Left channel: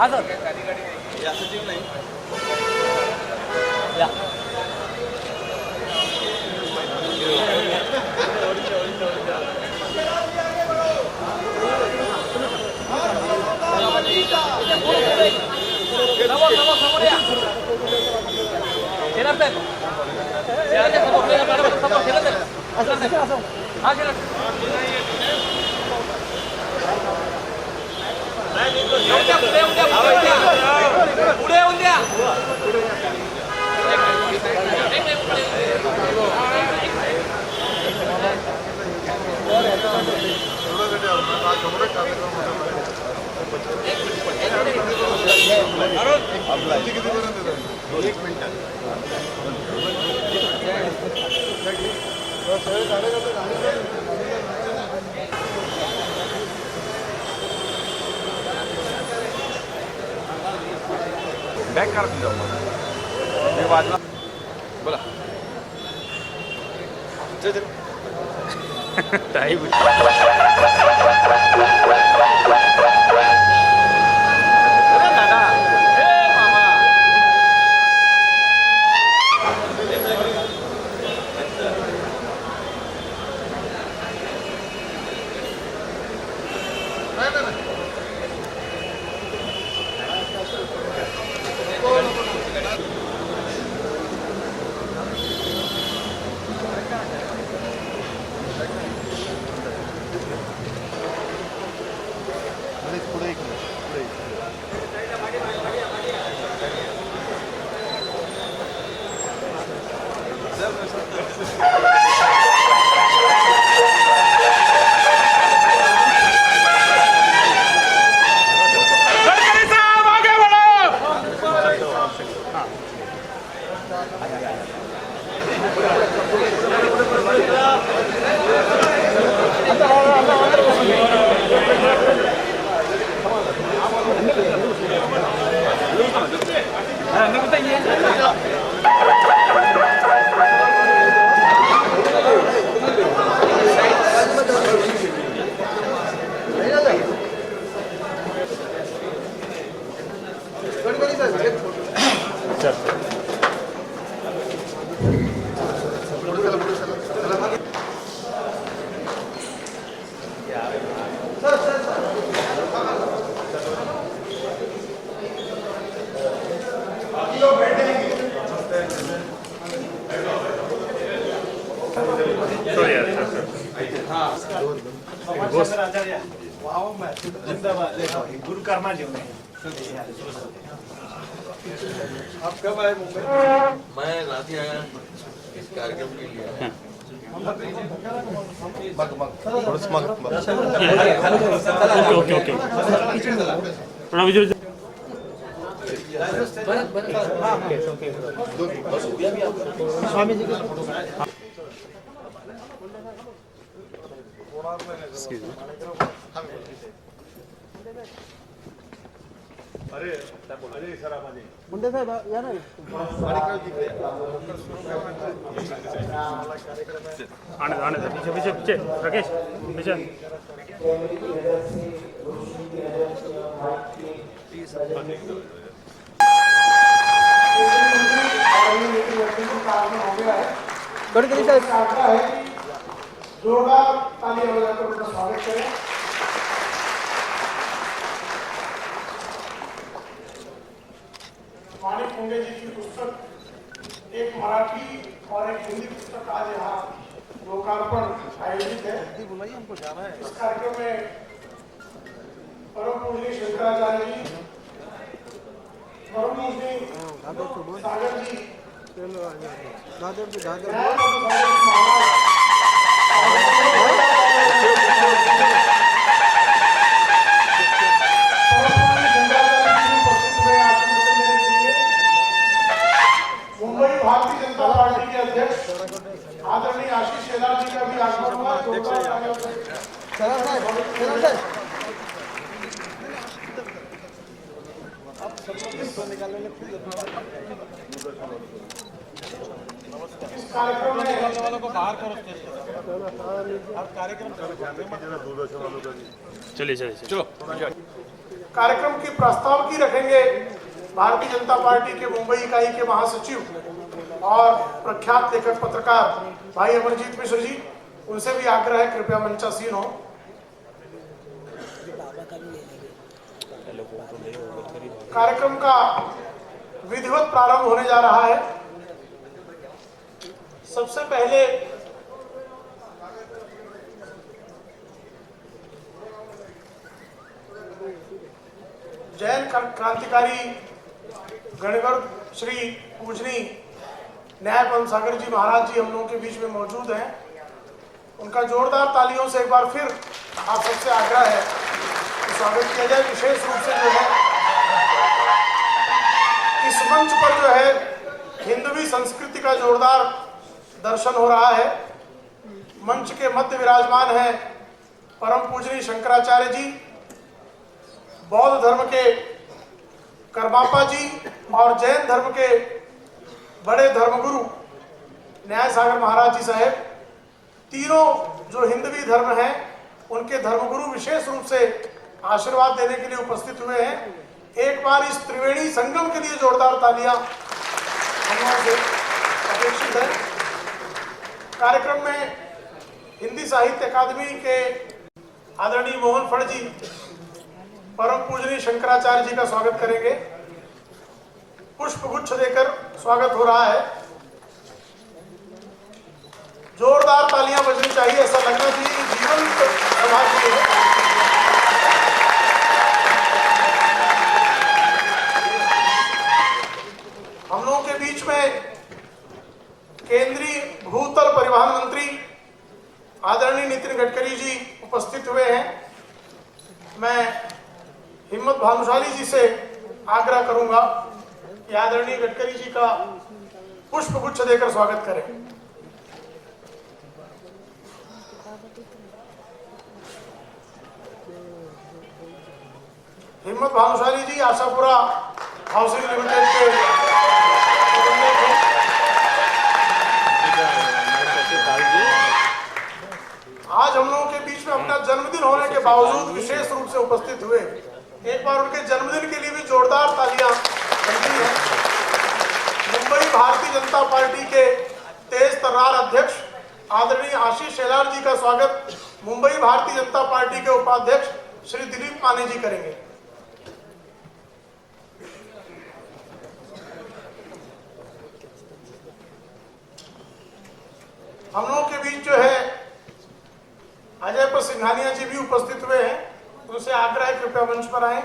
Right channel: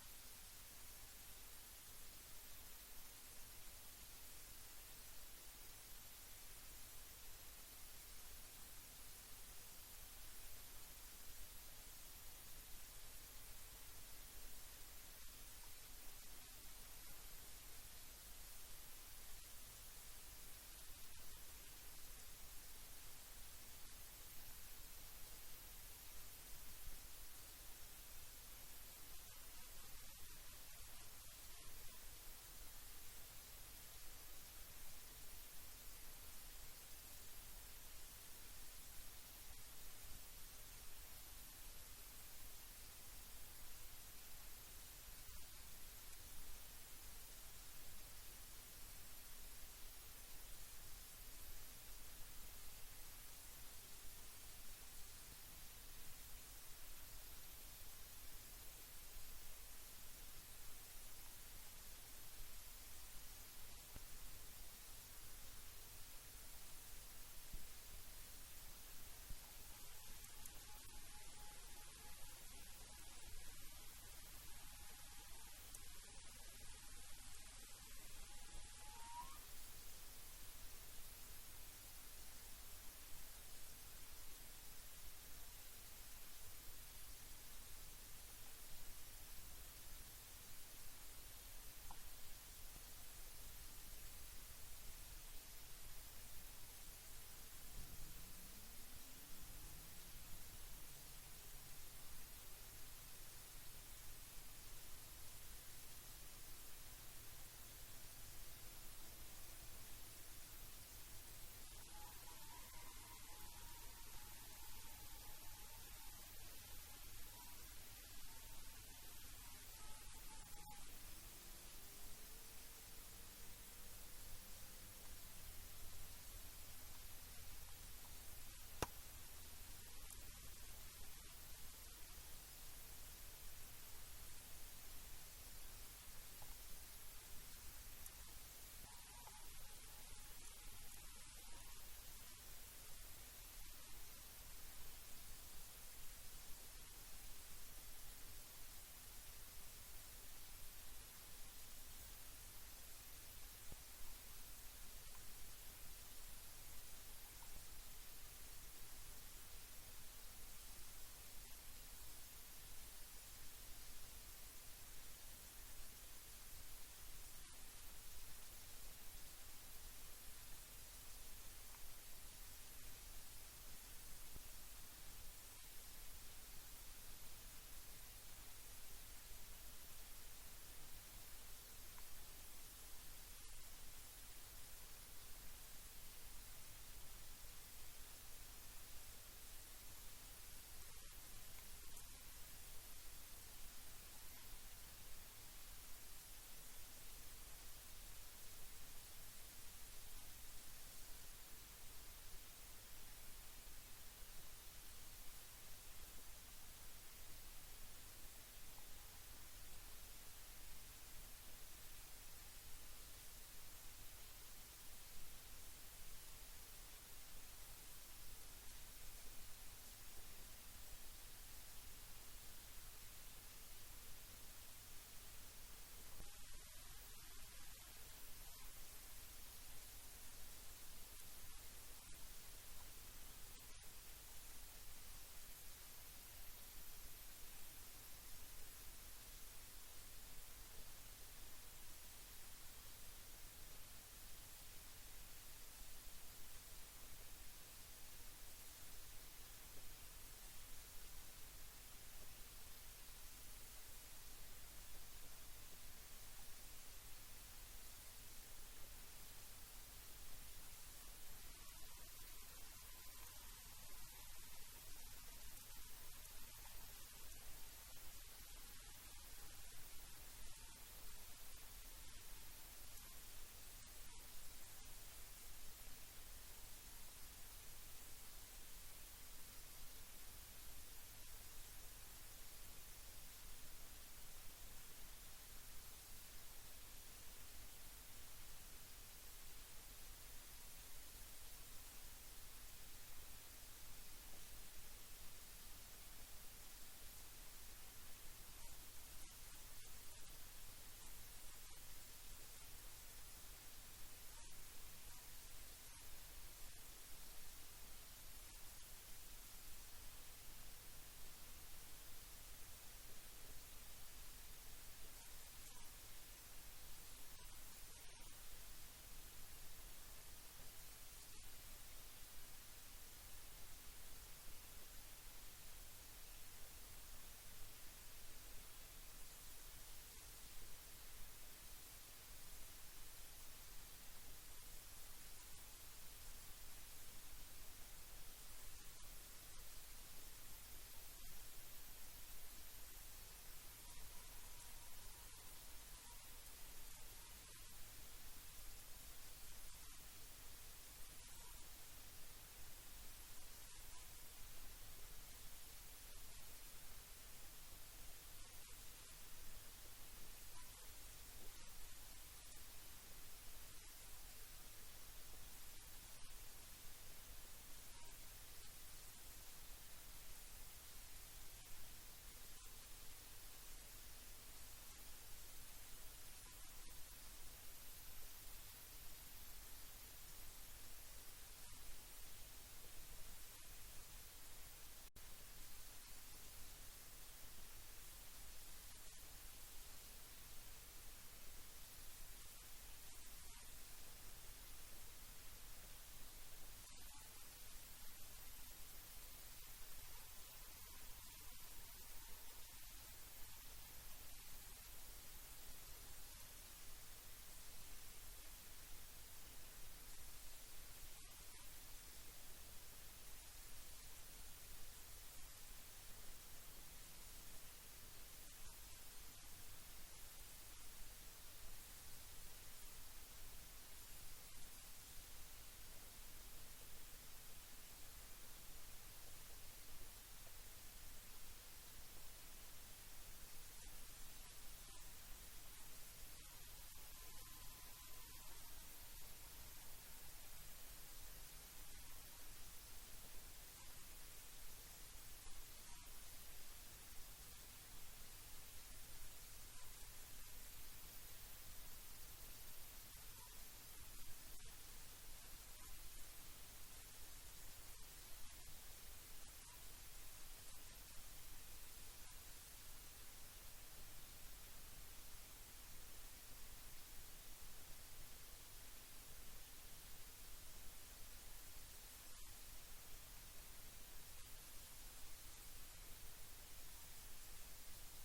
हाँ सर या सचिव नाही या समोर या शेलार साहेब हाँ शेलार पुढे येऊन द्या बॅक काढून जाऊ मी वाजला बोला टाईम गुरु कर्मा जी आप कब आए मुंबई मैं रात ही आया इस कार्यक्रम के लिए ओके ओके थोड़ा विजुअल स्वामी जी अरे अरे सर माझे मुंडे साहेब या ना आने पीछे पीछे पीछे राकेश पीछे गडकरी साहेब जोरदार ताली बजाकर उनका स्वागत करें। माणिक मुंडे जी की पुस्तक एक मराठी और एक हिंदी पुस्तक आज यहाँ लोकार्पण आयोजित है। इस कार्यक्रम में परम पूजनीय शंकराचार्य जी, परम पूजनीय सागर जी, मुंबई भारतीय जनता पार्टी के अध्यक्ष आदरणीय आशीष शेलार जी का भी आगमन हुआ। इस कार्यक्रम में वालों को बाहर करो आप कार्यक्रम चलिए चलिए चलो कार्यक्रम की प्रस्तावकी रखेंगे भारतीय जनता पार्टी के मुंबई इकाई के महासचिव और प्रख्यात लेखक पत्रकार भाई अमरजीत मिश्र जी। उनसे भी आग्रह है कृपया मंचासीन हो। कार्यक्रम का विधिवत प्रारंभ होने जा रहा है। सबसे पहले जैन क्रांतिकारी गणिवर श्री पूजनी न्याय पद्म सागर जी महाराज जी हम लोगों के बीच में मौजूद हैं। उनका जोरदार तालियों से एक बार फिर आप सबसे आग्रह है कि स्वागत किया जाए। विशेष रूप से जो है इस मंच पर जो है हिंदवी संस्कृति का जोरदार दर्शन हो रहा है। मंच के मध्य विराजमान है परम पूजनीय शंकराचार्य जी, बौद्ध धर्म के करमापा जी और जैन धर्म के बड़े धर्मगुरु न्याय सागर महाराज जी साहेब। तीनों जो हिंदवी धर्म हैं उनके धर्मगुरु विशेष रूप से आशीर्वाद देने के लिए उपस्थित हुए हैं। एक बार इस त्रिवेणी संगम के लिए जोरदार तालियां हम लोगों से अपेक्षित है। कार्यक्रम में हिंदी साहित्य अकादमी के आदरणीय मोहन फड़ जी परम पूजनीय शंकराचार्य जी का स्वागत करेंगे। पुष्प गुच्छ देकर स्वागत हो रहा है। जोरदार तालियां बजनी चाहिए, ऐसा लगना चाहिए कि जीवंत सभा की है। हम लोगों के बीच में केंद्रीय भूतल परिवहन मंत्री आदरणीय नितिन गडकरी जी उपस्थित हुए हैं। मैं हिम्मत भानुशाली जी से आग्रह करूंगा कि आदरणीय गडकरी जी का पुष्प गुच्छ देकर स्वागत करें। हिम्मत भानुशाली जी आशापुरा हाउसिंग लिमिटेड के आज हम लोगों के बीच में अपना जन्मदिन होने के बावजूद विशेष रूप से उपस्थित हुए। एक बार उनके जन्मदिन के लिए भी जोरदार तालियां बनती हैं। मुंबई भारतीय जनता पार्टी के तेज तर्रार अध्यक्ष आदरणीय आशीष शेलार जी का स्वागत मुंबई भारतीय जनता पार्टी के उपाध्यक्ष श्री दिलीप माने जी करेंगे। हम लोगों के बीच जो है अजय पर सिंघानिया जी भी उपस्थित हुए हैं। उनसे आग्रह है कृपया मंच पर आए।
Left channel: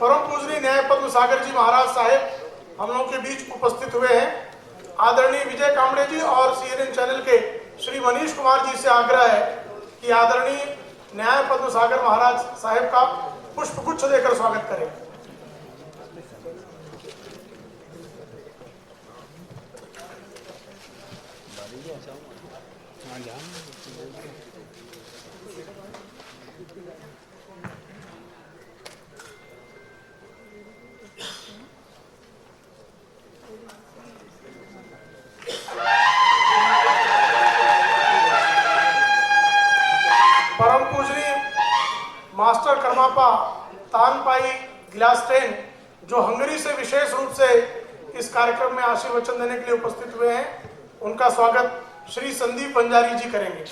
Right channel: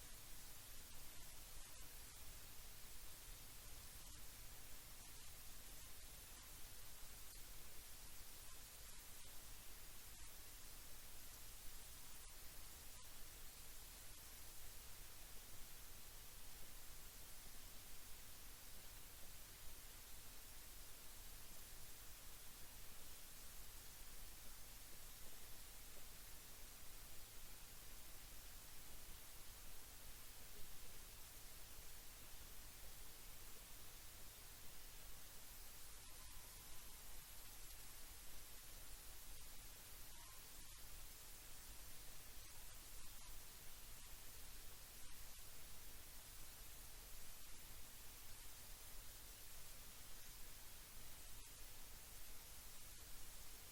परम पूजनीय न्याय पद्म सागर जी महाराज साहेब हम लोगों के बीच उपस्थित हुए हैं। आदरणीय विजय कामड़े जी और CNN चैनल के श्री मनीष कुमार जी से आग्रह है कि आदरणीय न्याय पद्म सागर महाराज साहेब का पुष्प गुच्छ देकर स्वागत करें। परम पूजनीय मास्टर कर्मापा तानपाई ग्लास्टेन जो हंगरी से विशेष रूप से इस कार्यक्रम में आशीर्वचन देने के लिए उपस्थित हुए हैं, उनका स्वागत श्री संदीप बंजारी जी करेंगे।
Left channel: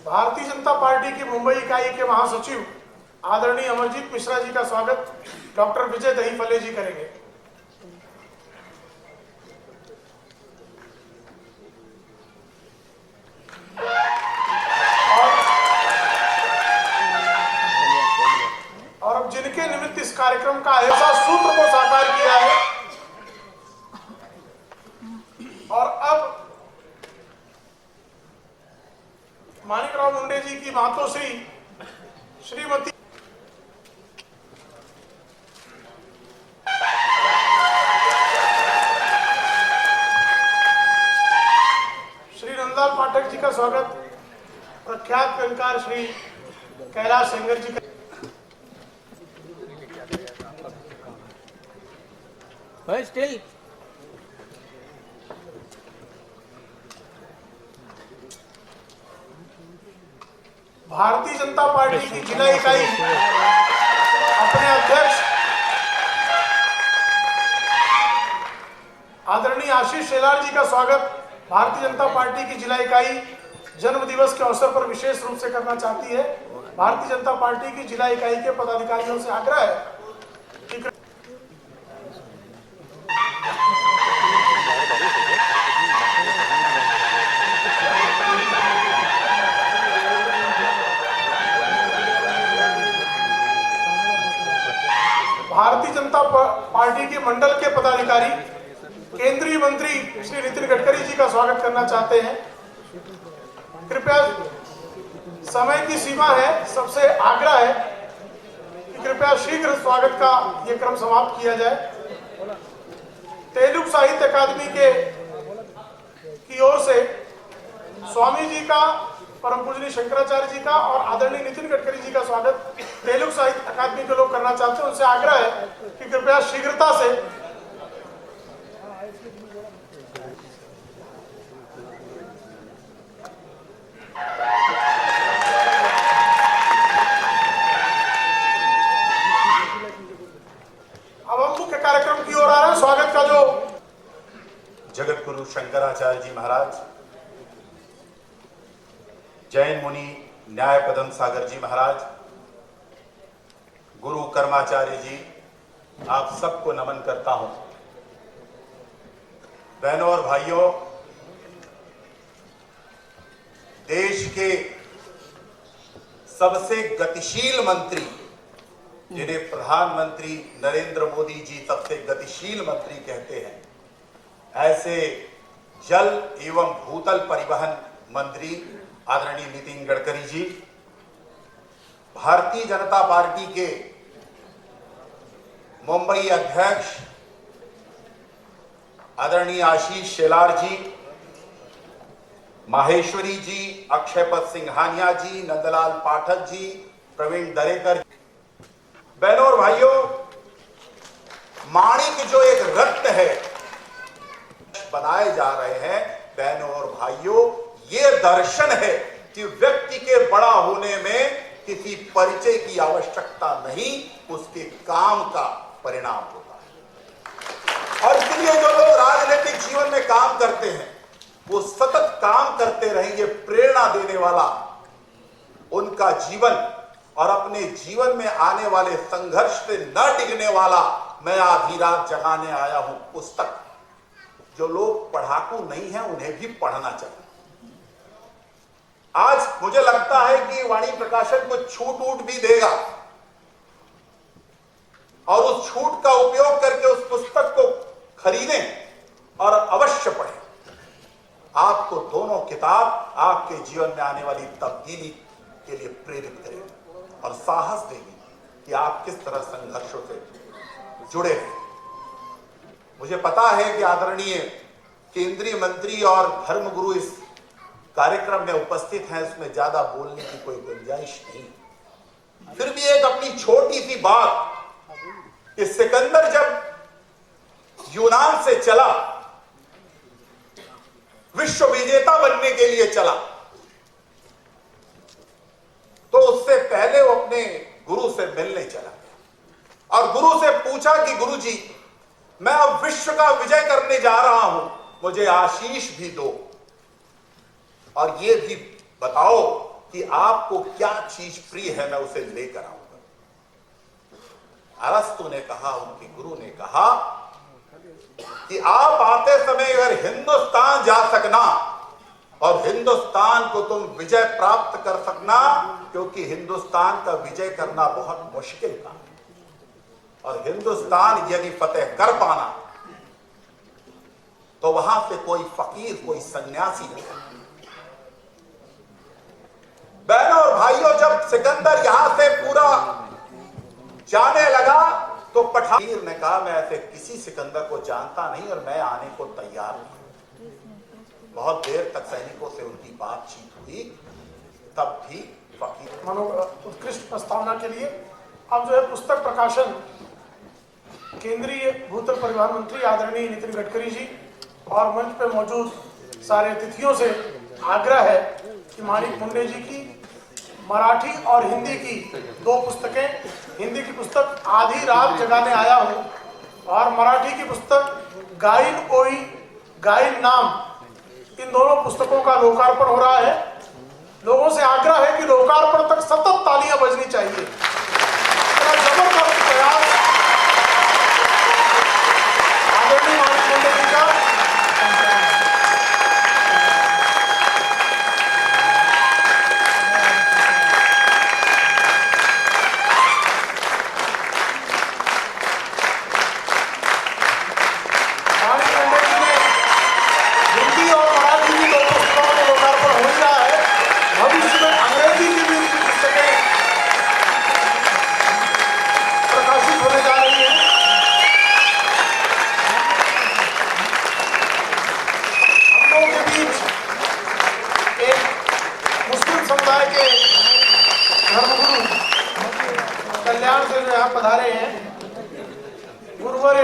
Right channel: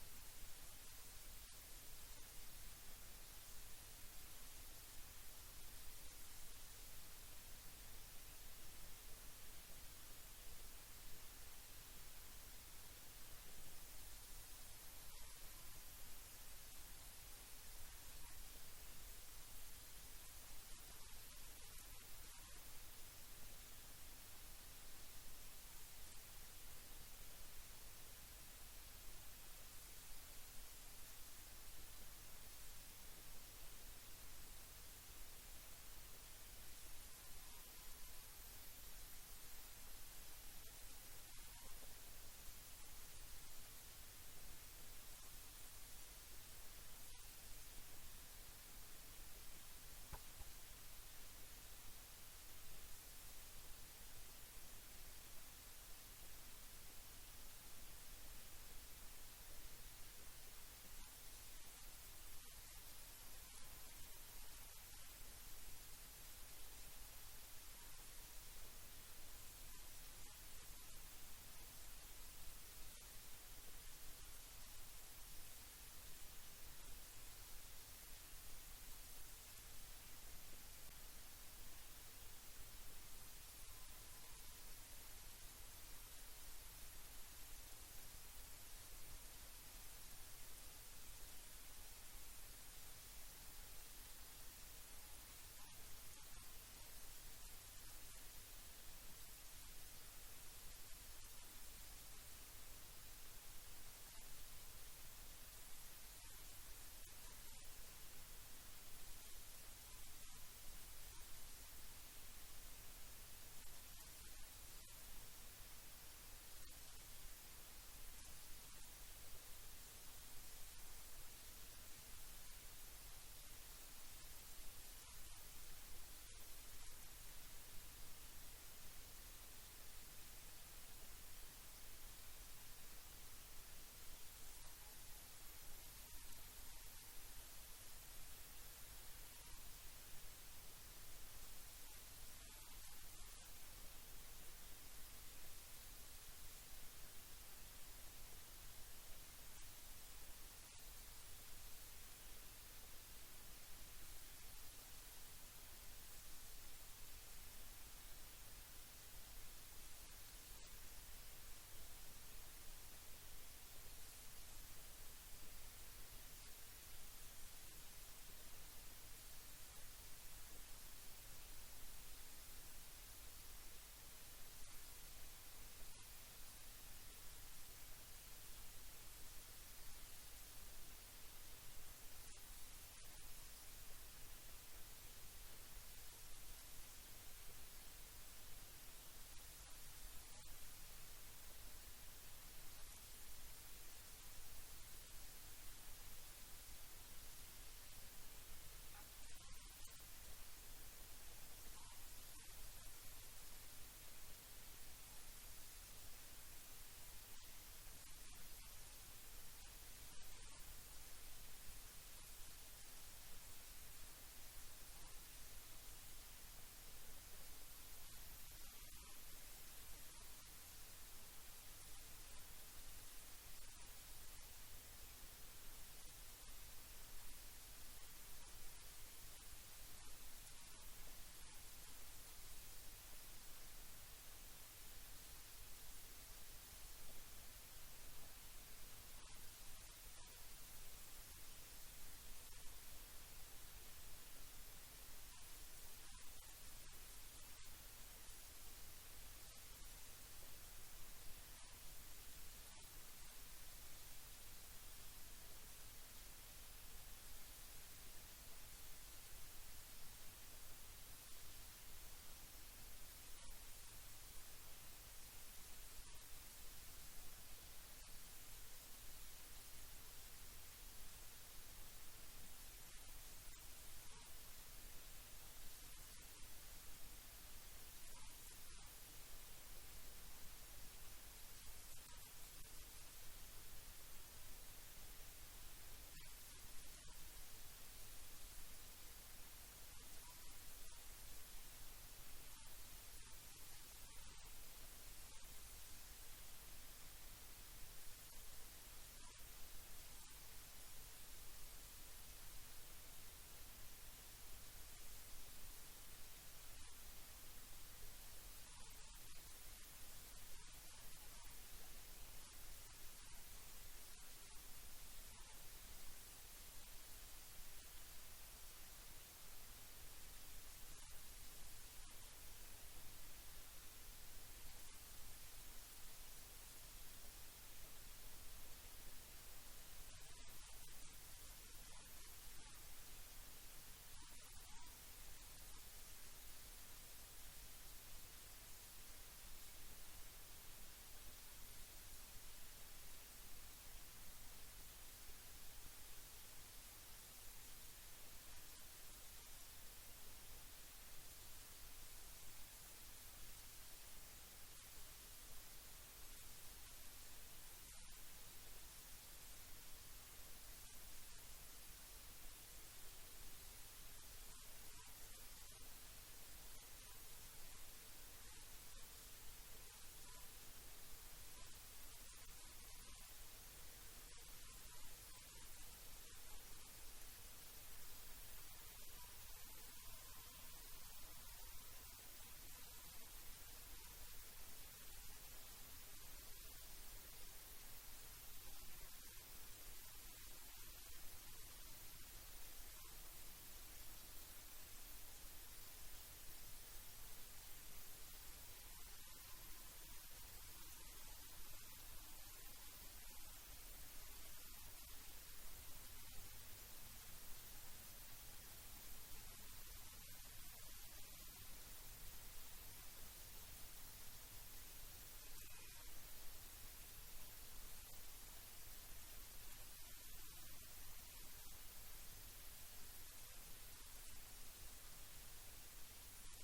भारतीय जनता पार्टी की मुंबई इकाई के महासचिव आदरणीय अमरजीत मिश्रा जी का स्वागत डॉक्टर विजय दहीफले जी करेंगे। और अब जिनके निमित्त इस कार्यक्रम का ऐसा सूत्र को साकार किया है और अब माणिकराव मुंडे जी की मातोश्री श्रीमती नंदलाल पाठक जी का स्वागत, प्रख्यात कलाकार श्री कैलाश सेंगर जी का स्टिल भारतीय जनता पार्टी की जिला इकाई अपने अध्यक्ष आदरणीय आशीष शेलार जी का स्वागत भारतीय जनता पार्टी की जिला इकाई जन्म दिवस के अवसर पर विशेष रूप से करना चाहती है। भारतीय जनता पार्टी की जिला इकाई के पदाधिकारियों से आग्रह है कि भारतीय जनता पार्टी के मंडल के पदाधिकारी केंद्रीय मंत्री श्री नितिन गडकरी जी का स्वागत करना चाहते हैं। कृपया, समय की सीमा है, सबसे आग्रह है कि कृपया शीघ्र स्वागत का यह क्रम समाप्त किया जाए। तेलुगु साहित्य अकादमी की ओर से स्वामी जी का, परम पूजनीय शंकराचार्य जी का और आदरणीय नितिन गडकरी जी का स्वागत तेलुगु साहित्य अकादमी के लोग करना चाहते हैं। उनसे आग्रह है कि कृपया शीघ्रता से अब हम मुख्य कार्यक्रम की ओर आ रहे हैं। स्वागत का जो जगत गुरु शंकराचार्य जी महाराज, जैन मुनि न्याय पदम सागर जी महाराज, गुरु कर्माचार्य जी, आप सबको नमन करता हूं। बहनों और भाइयों, देश के सबसे गतिशील मंत्री, जिन्हें प्रधानमंत्री नरेंद्र मोदी जी सबसे गतिशील मंत्री कहते हैं, ऐसे जल एवं भूतल परिवहन मंत्री आदरणीय नितिन गडकरी जी, भारतीय जनता पार्टी के मुंबई अध्यक्ष आदरणीय आशीष शेलार जी, माहेश्वरी जी, अक्षयपद सिंघानिया जी, नंदलाल पाठक जी, प्रवीण दरेकर। बहनों और भाइयों, माणिक जो एक रत्न है बनाए जा रहे हैं, बहनों और भाइयों, ये दर्शन है कि व्यक्ति के बड़ा होने में किसी परिचय की आवश्यकता नहीं, उसके काम का परिणाम होता है। और इसलिए जो लोग राजनीतिक जीवन में काम करते हैं वो सतत काम करते रहेंगे। प्रेरणा देने वाला उनका जीवन और अपने जीवन में आने वाले संघर्ष से न डिगने वाला मैं आधी रात जगाने आया हूं पुस्तक। जो लोग पढ़ाकू नहीं हैं उन्हें भी पढ़ना चाहिए। आज मुझे लगता है कि वाणी प्रकाशन को छूट वूट भी देगा और उस छूट का उपयोग करके उस पुस्तक को खरीदें और अवश्य पढ़ें। आपको दोनों किताब आपके जीवन में आने वाली तब्दीली के लिए प्रेरित करेगी और साहस देगी कि आप किस तरह संघर्षों से जुड़े हैं। मुझे पता है कि आदरणीय केंद्रीय मंत्री और धर्मगुरु इस कार्यक्रम में उपस्थित हैं, उसमें ज्यादा बोलने की कोई गुंजाइश नहीं। फिर भी एक अपनी छोटी सी बात कि सिकंदर जब यूनान से चला, विश्व विजेता बनने के लिए चला, तो उससे पहले वो अपने गुरु से मिलने चला और गुरु से पूछा कि गुरुजी, मैं अब विश्व का विजय करने जा रहा हूं, मुझे आशीष भी दो और ये भी बताओ कि आपको क्या चीज प्रिय है, मैं उसे लेकर आऊंगा। अरस्तु ने कहा, उनके गुरु ने कहा कि आप आते समय अगर हिंदुस्तान जा सकना और हिंदुस्तान को तुम विजय प्राप्त कर सकना, क्योंकि हिंदुस्तान का विजय करना बहुत मुश्किल था और हिंदुस्तान यदि फतेह कर पाना तो वहां से कोई फकीर, कोई सन्यासी नहीं। बहनों और भाइयों, जब सिकंदर यहां से पूरा जाने लगा तो पठान ने कहा, मैं ऐसे किसी सिकंदर को जानता नहीं और मैं आने को तैयार हूं। बहुत बहुत देर तक सैनिकों से उनकी बातचीत हुई, तब भी फकीर उत्कृष्ट प्रस्तावना के लिए अब जो है पुस्तक प्रकाशन केंद्रीय भूतल परिवहन मंत्री आदरणीय नितिन गडकरी जी और मंच पे मौजूद सारे अतिथियों से आग्रह है कि माणिक मुंडे जी की मराठी और हिंदी की 2 पुस्तकें, हिंदी की पुस्तक आधी रात जगाने आया हूं और मराठी की पुस्तक गाइन ओई गाइन नाम, इन दोनों पुस्तकों का लोकार्पण हो रहा है। लोगों से आग्रह है कि लोकार्पण तक सतत तालियां बजनी चाहिए। जबरदस्त प्रयास आदरणीय माणिक मुंडे जी का। माणिक मुंडे जी ने हिंदी और मराठी की 2 पुस्तकों का लोकार्पण हो ही रहा है। भविष्य में अंग्रेजी की भी उनकी पुस्तकें प्रकाशित होने जा रही हैं। हम लोगों के बीच एक मुस्लिम समुदाय के धर्मगुरु कल्याण से जो यहाँ पधारे हैं, गुरुवर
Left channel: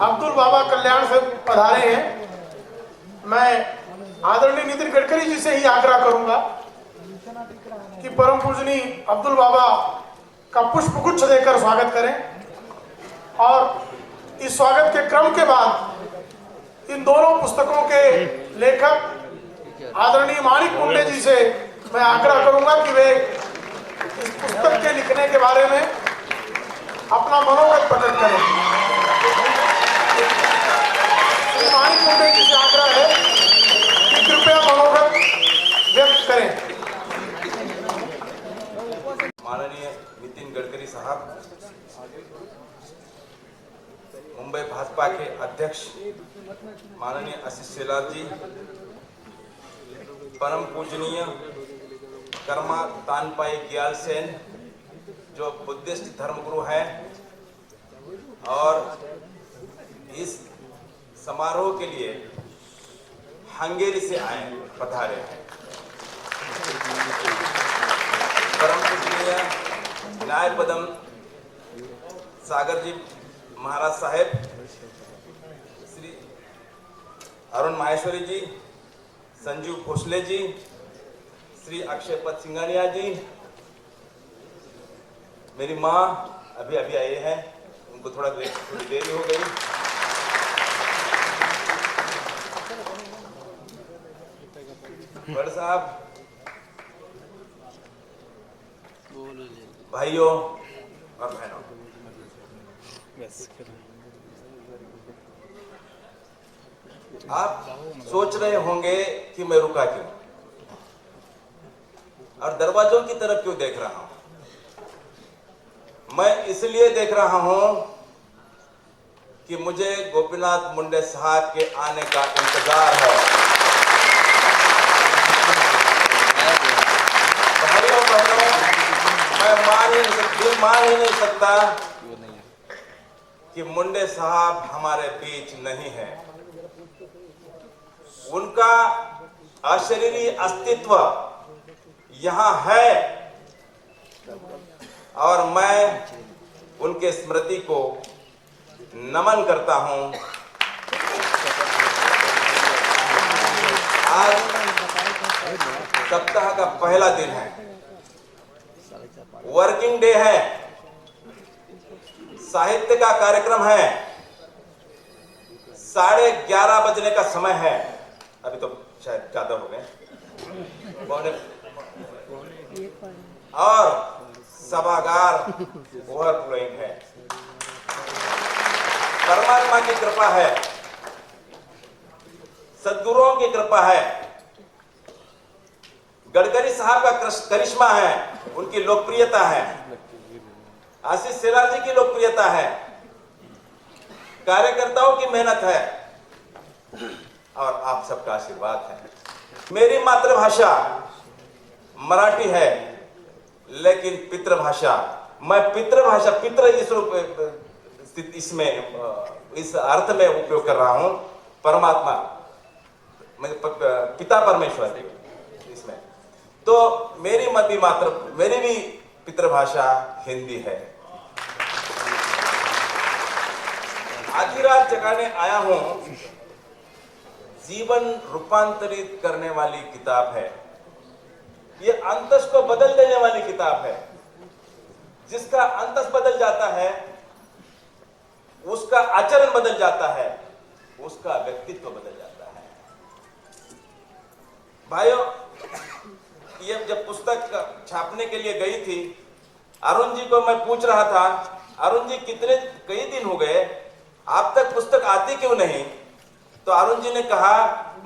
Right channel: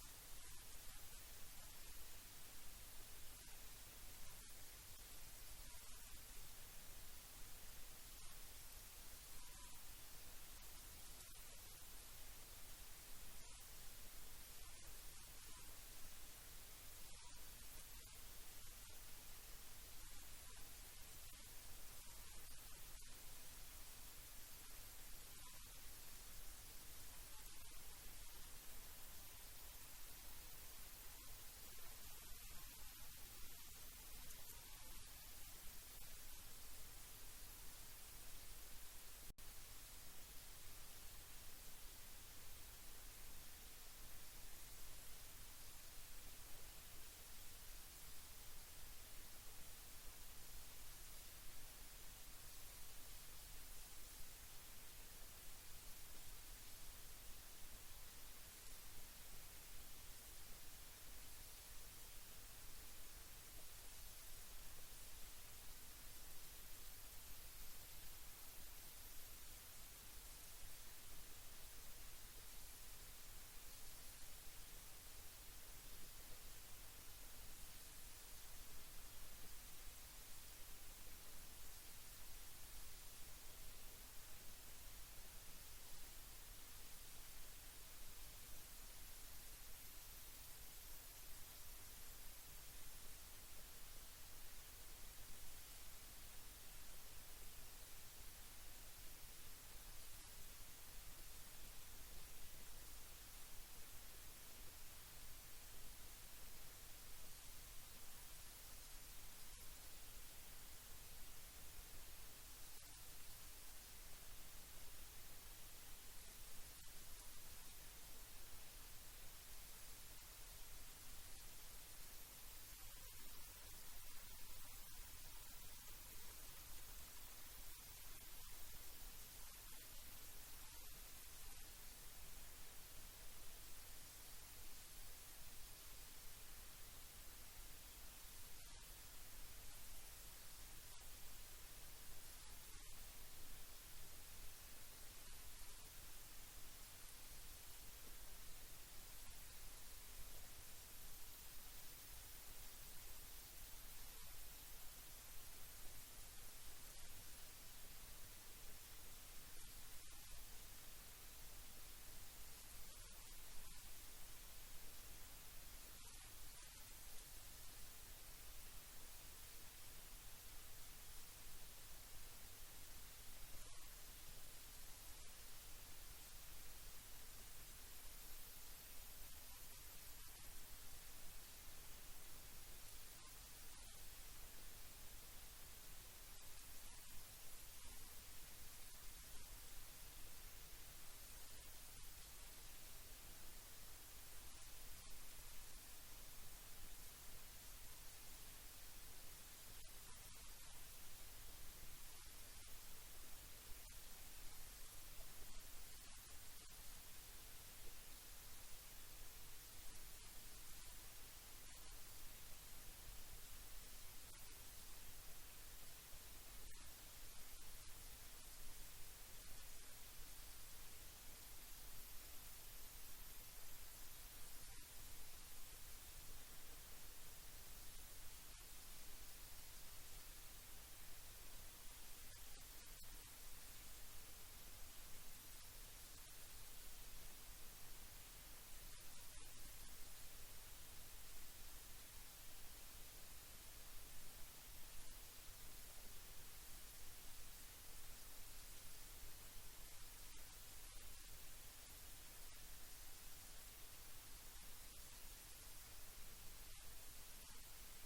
अब्दुल बाबा कल्याण से पधारे हैं। मैं आदरणीय नितिन गडकरी जी से ही आग्रह करूंगा कि परम पूजनीय अब्दुल बाबा का पुष्प गुच्छ देकर स्वागत करें और इस स्वागत के क्रम के बाद इन दोनों पुस्तकों के लेखक आदरणीय माणिक मुंडे जी से मैं आग्रह करूंगा कि वे इस पुस्तक के लिखने के बारे में अपना मनोगत प्रकट करें। श्री माणिक मुंडे जी से आग्रह है कि कृपया मनोगत व्यक्त करें। माननीय नितिन गडकरी साहब, मुंबई भाजपा के अध्यक्ष माननीय आशीष शेलार जी, परम पूजनीय कर्मा तानपाई ग्याल सेन जो बुद्धिस्ट धर्मगुरु हैं और इस समारोह के लिए हंगेरी से आए पधारे हैं। परम पूजनीय न्यायपदम सागर जी महाराज साहेब, श्री अरुण माहेश्वरी जी, संजीव भोसले जी, श्री अक्षय पद सिंघानिया जी, मेरी माँ अभी आए हैं, उनको थोड़ी देरी हो गई। बड़ साहब, भाइयों और बहनों, आप सोच रहे होंगे कि मैं रुका क्यों और दरवाजों की तरफ क्यों देख रहा हूं। मैं इसलिए देख रहा हूं कि मुझे गोपीनाथ मुंडे साहब के आने का इंतजार है। भाइयों बहनों, मैं मान ही नहीं सकता कि मुंडे साहब हमारे बीच नहीं है। उनका अशरीरी अस्तित्व यहां है और मैं उनके स्मृति को नमन करता हूं। आज सप्ताह का पहला दिन है, वर्किंग डे है, साहित्य का कार्यक्रम है, 11:30 बजने का समय है। अभी तो शायद ज्यादा हो गए और सभागार ओवरफ्लोइंग है। परमात्मा की कृपा है, सद्गुरुओं की कृपा है, गडकरी साहब का करिश्मा है, उनकी लोकप्रियता है, आशीष शेलार जी की लोकप्रियता है, कार्यकर्ताओं की मेहनत है और आप सबका आशीर्वाद है। मेरी मातृभाषा मराठी है, लेकिन पितृभाषा, मैं पितृभाषा इसमें इस अर्थ में उपयोग कर रहा हूं। परमात्मा, मैं पिता परमेश्वर इसमें। तो मेरी भी पितृभाषा हिंदी है। आधी रात जगाने आया हूं जीवन रूपांतरित करने वाली किताब है। ये अंतस को बदल देने वाली किताब है। जिसका अंतस बदल जाता है, उसका आचरण बदल जाता है, उसका व्यक्तित्व बदल जाता है। भाइयों, ये जब पुस्तक छापने के लिए गई थी, अरुण जी को मैं पूछ रहा था, अरुण जी कई दिन हो गए, आप तक पुस्तक आती क्यों नहीं? तो अरुण जी ने कहा,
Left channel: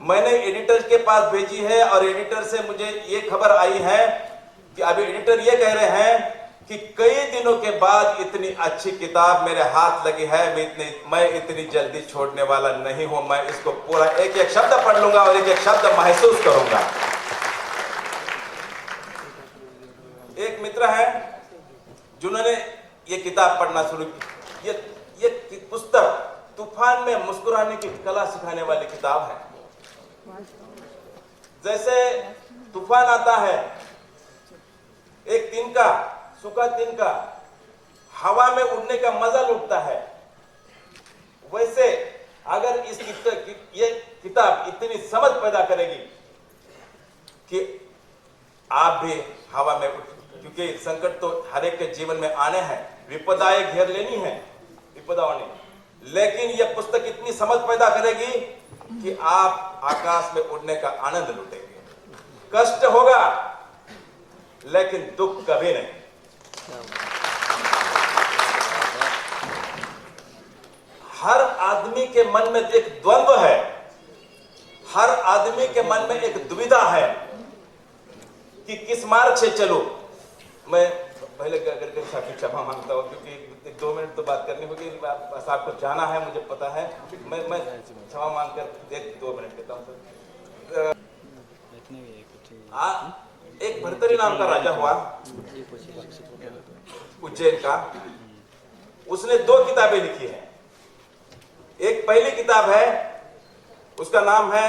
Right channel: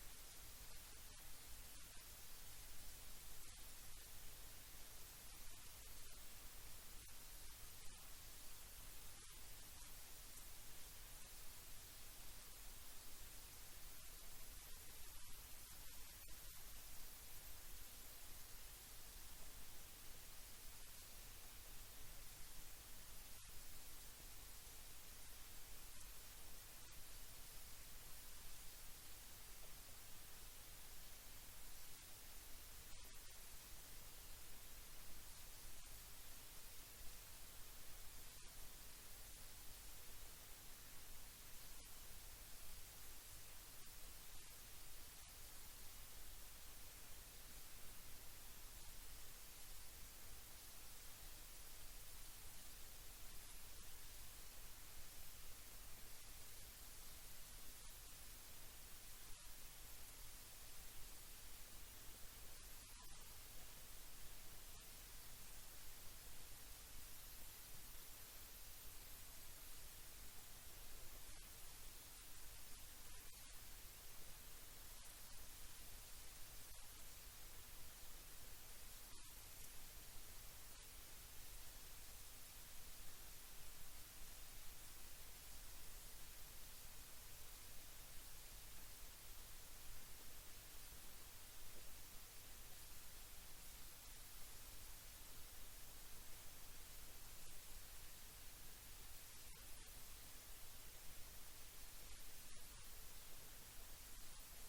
मैंने एडिटर के पास भेजी है और एडिटर से मुझे ये खबर आई है कि अभी एडिटर ये कह रहे हैं कि कई दिनों के बाद इतनी अच्छी किताब मेरे हाथ लगी है, मैं इतनी जल्दी छोड़ने वाला नहीं हूं। मैं इसको पूरा एक एक शब्द पढ़ लूंगा और एक एक शब्द महसूस करूंगा। एक मित्र है जिन्होंने ये किताब पढ़ना शुरू की। ये पुस्तक तूफान में मुस्कुराने की कला सिखाने वाली किताब है। जैसे तूफान आता है, एक तिनका, सूखा तिनका हवा में उड़ने का मजा लुटता है, वैसे अगर ये किताब इतनी समझ पैदा करेगी कि आप भी हवा में क्योंकि संकट तो हर एक के जीवन में आने हैं, विपदाएं घेर लेनी है, विपदाओं ने, लेकिन यह पुस्तक इतनी समझ पैदा करेगी कि आप आकाश में उड़ने का आनंद लुटेंगे। कष्ट होगा लेकिन दुख कभी नहीं। हर आदमी के मन में एक द्वंद्व है, हर आदमी के मन में एक दुविधा है कि किस मार्ग से चलो। मैं पहले साहब क्षमा मांगता हूं क्योंकि 2 मिनट तो बात करनी होगी, साहब को जाना है, मुझे पता है। मैं क्षमा मांगकर 2 मिनट देता हूं। एक भर्तरी नाम का राजा हुआ उज्जैन का। उसने 2 किताबें लिखी हैं। एक पहली किताब है, उसका नाम है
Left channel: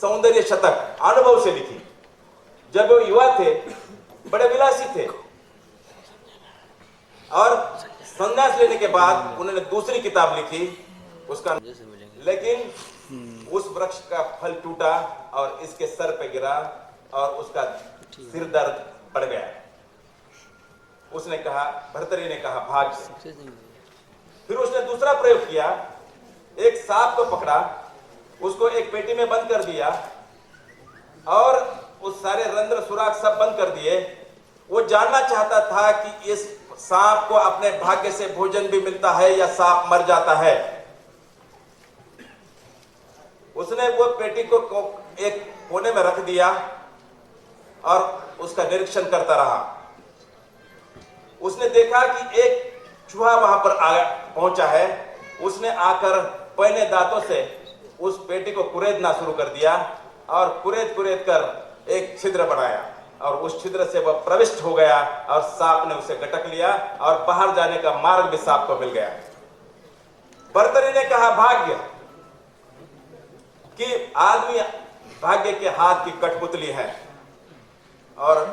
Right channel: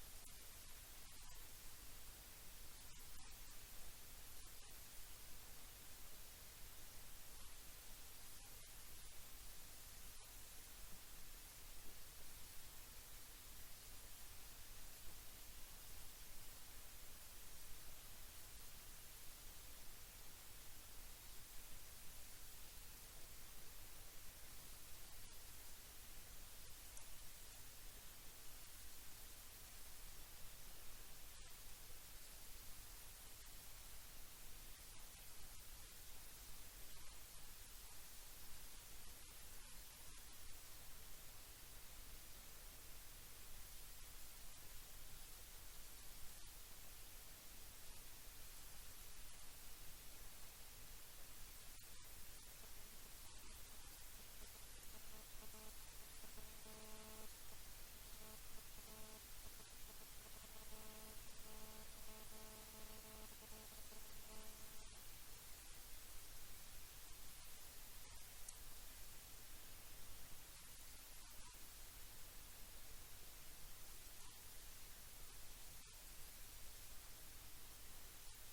सौंदर्य शतक, अनुभव से लिखी। जब वो युवा थे, बड़े विलासी थे, और संन्यास लेने के बाद उन्होंने दूसरी किताब लिखी, उसका लेकिन उस वृक्ष का फल टूटा और इसके सर पे गिरा और उसका सिर दर्द बढ़ गया। उसने कहा, भर्तरी ने कहा, भाग्य। फिर उसने दूसरा प्रयोग किया, एक सांप को पकड़ा, उसको एक पेटी में बंद कर दिया और उस सारे रंध्र सुराख सब बंद कर दिए। वो जानना चाहता था कि इस सांप को अपने भाग्य से भोजन भी मिलता है या सांप मर जाता है। उसने वो पेटी को एक कोने में रख दिया और उसका निरीक्षण करता रहा। उसने देखा कि एक चूहा वहां पर पहुंचा है। उसने आकर पहने दांतों से उस पेटी को कुरेदना शुरू कर दिया और कुरेद कर एक छिद्र बनाया और उस छिद्र से वह प्रविष्ट हो गया और सांप ने उसे गटक लिया और बाहर जाने का मार्ग भी सांप को मिल गया। भर्तरी ने कहा, भाग्य, कि आदमी भाग्य के हाथ की कठपुतली है, और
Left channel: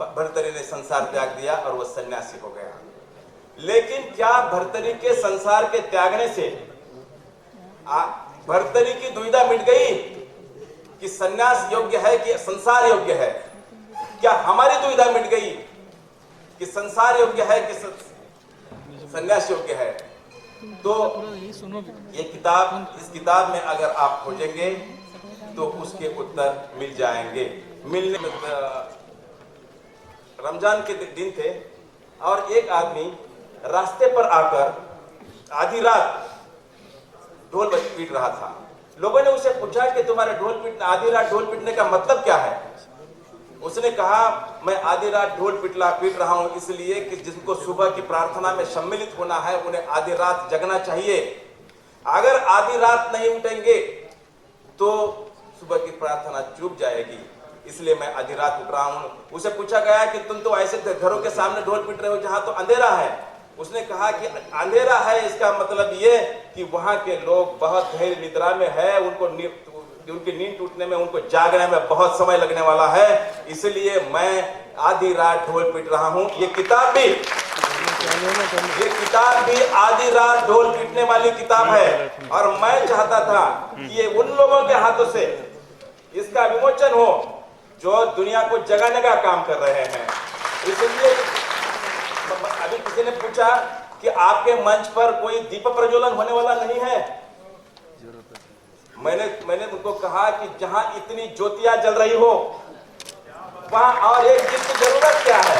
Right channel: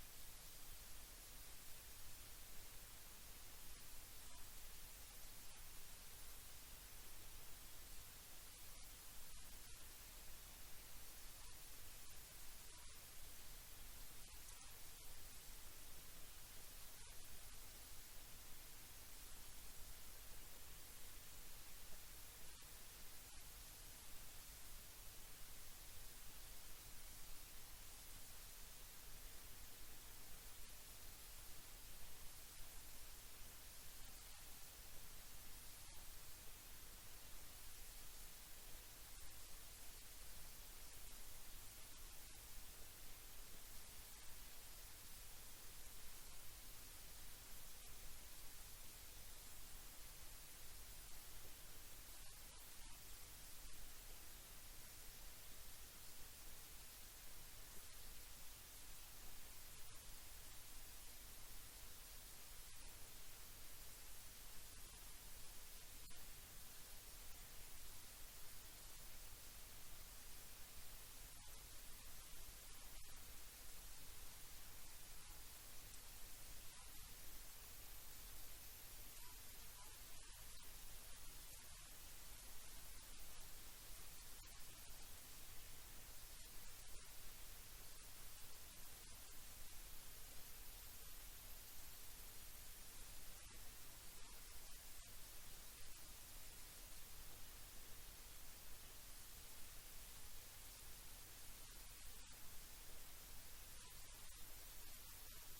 भर्तरी ने संसार त्याग दिया और वह सन्यासी हो गया। लेकिन क्या भर्तरी के संसार के त्यागने से भर्तरी की दुविधा मिट गई कि सन्यास योग्य है कि संसार योग्य है? क्या हमारी दुविधा मिट गई कि संसार योग्य है कि सन्यास योग्य है? तो ये किताब, इस किताब में अगर आप खोजेंगे तो उसके उत्तर मिल जाएंगे। मिलने में रमजान के दिन थे और एक आदमी रास्ते पर आकर आधी रात ढोल पीट रहा था। लोगों ने उसे पूछा कि तुम्हारे आधी रात ढोल पीटने का मतलब क्या है? उसने कहा, मैं आधी रात ढोल पीट रहा हूं इसलिए कि जिनको सुबह की प्रार्थना में सम्मिलित होना है उन्हें आधी रात जगना चाहिए। अगर आधी रात नहीं उठेंगे तो सुबह की प्रार्थना चूक जाएगी, इसलिए मैं आधी रात उठ रहा हूं। उसे पूछा गया कि तुम तो ऐसे घरों के सामने ढोल पीट रहे हो जहां तो अंधेरा है। उसने कहा कि अंधेरा है इसका मतलब ये कि वहां के लोग बहुत गहरी निद्रा में है, उनको कि उनकी नींद टूटने में, उनको जागने में बहुत समय लगने वाला है। इसलिए मैं आधी रात ढोल पीट रहा हूं। ये किताब भी आधी रात ढोल पीटने वाली किताब है, और मैं चाहता था कि ये उन लोगों के हाथों से इसका विमोचन हो जो दुनिया को जगाने का काम कर रहे हैं। इसलिए अभी किसी ने पूछा कि आपके मंच पर कोई दीप प्रज्वलन होने वाला नहीं है। मैंने उनको कहा कि जहां इतनी ज्योतियां जल रही हो वहां और एक दीप की जरूरत क्या है।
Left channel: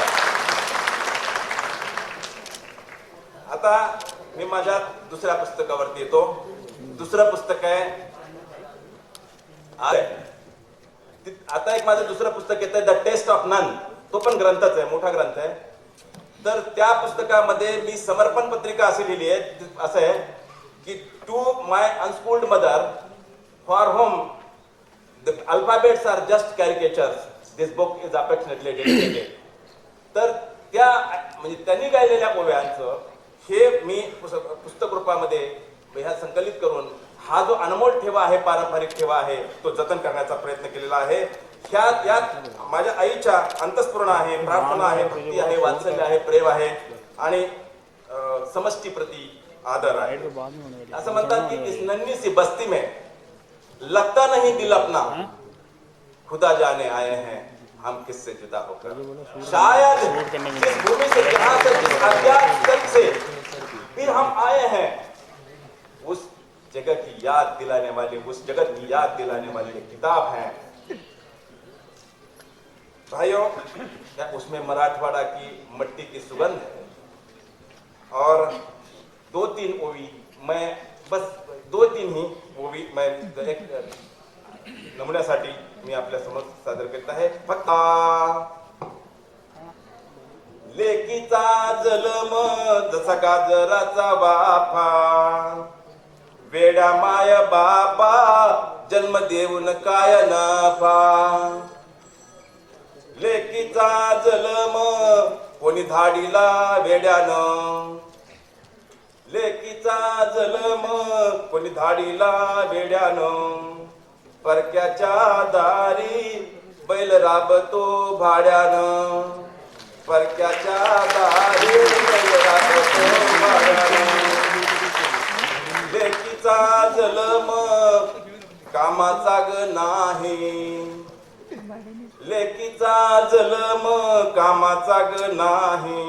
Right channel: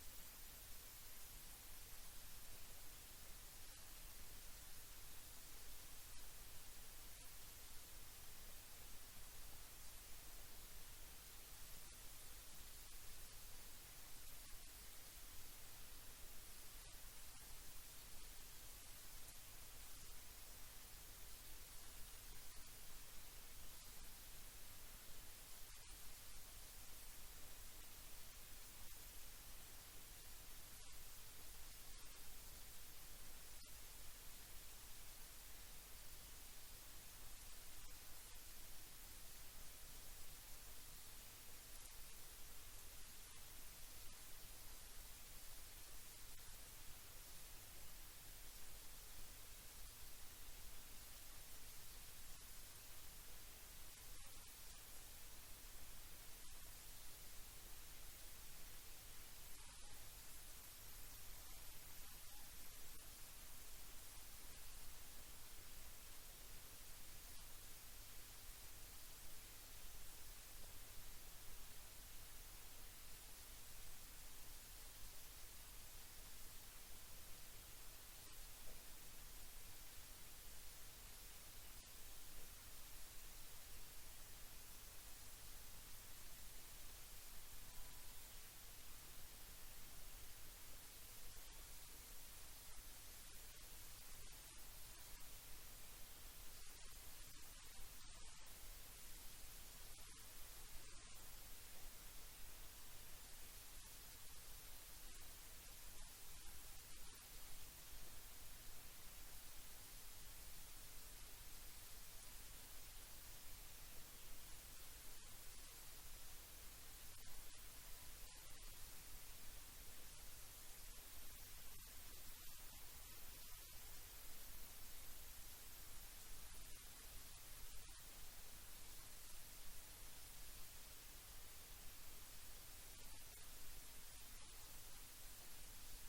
आता मी माझ्या दुसऱ्या पुस्तकावरती येतो। दुसरं पुस्तक आहे आता एक माझं दुसरं पुस्तक येतं द टेस्ट ऑफ नन। तो पण ग्रंथच आहे, मोठा ग्रंथ आहे। तर त्या पुस्तकामध्ये मी समर्पण पत्रिका अशी लिहिली आहे, असं आहे की to my unschooled mother for whom the alphabets are just caricatures, this book is affectionately dedicated. तर त्या म्हणजे त्यांनी गायलेल्या ओव्यांचं हे मी पुस्तक रूपामध्ये ह्या संकलित करून हा जो अनमोल ठेवा आहे, पारंपरिक ठेवा आहे, तो जतन करण्याचा प्रयत्न केलेला आहे। यात माझ्या आईच्या अंतःस्फुरण आहे, प्रार्थना आहे, भक्ती आहे, वात्सल्य आहे, प्रेम आहे आणि समष्टी प्रति आदर आहे। असं म्हणतात की इस नन्ही सी बस्ती में लगता नहीं दिल अपना, खुदा जाने आए हैं हम किससे जुदा होकर। शायद जिस भूमि से, जहां से, जिस अज्ञात स्थल से फिर हम आए हैं, उस जगह की याद दिलाने वाली, उस जगत की याद दिलाने वाली एक किताब है भाइयों। उसमें मराठवाड़ा की मट्टी की सुगंध है और 2-3 ओवी, मैं बस 2-3 ही ओवी मैं एक नमुन्यासाठी मी आपल्या समोर सादर करत आहे। फक्त लेकीचा जन्म जसा गाजराचा बाफा, वेडा माय बापा जन्म देऊन काय नफा। लेकीचा जन्म कोणी धाडीला वेड्यानं, लेकीचा जन्म कोणी धाडीला वेड्यानं, परक्याच्या दारी बैल राबतो भाड्यानं, परक्याच्या दारी बैल राबतो भाड्यानं। लेकीचा जन्म कामाचा ग नाही, लेकीचा जन्म कामाचा ग नाही,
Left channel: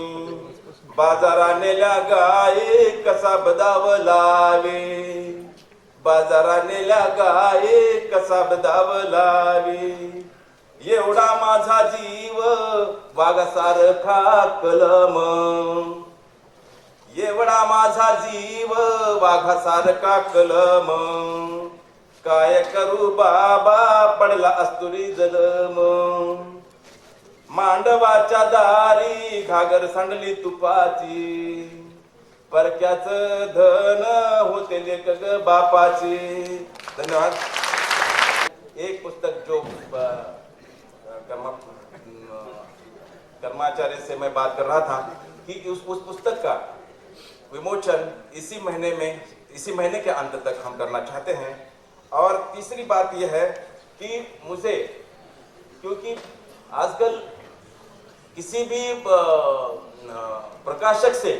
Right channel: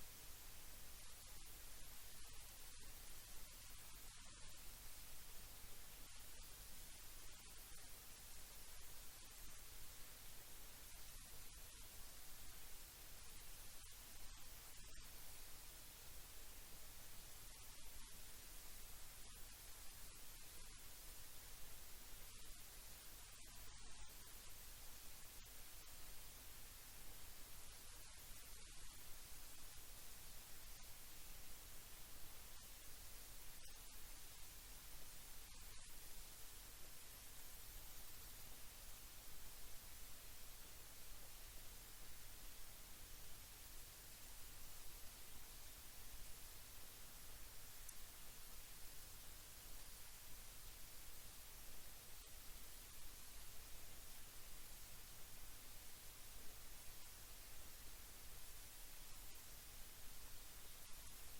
बाजारा नेल्या गाये कसा बदाव लावे, बाजारा नेल्या गाये कसा बदाव लावे। एवढा माझा जीव वाघासारखा कलम, एवढा माझा जीव वाघासारखा कलम, काय करू बाबा पडला अस्तुरी जलम। मांडवाच्या दारी घागर सांडली तुपाची, परक्याच धन होते लेक ग बापाची। धन्यवाद। एक पुस्तक जो कर्माचार्य से मैं बात कर रहा था कि उस पुस्तक का विमोचन इसी महीने के अंत तक हम करना चाहते हैं। और तीसरी बात यह है कि मुझे, क्योंकि आजकल किसी भी प्रकाशक से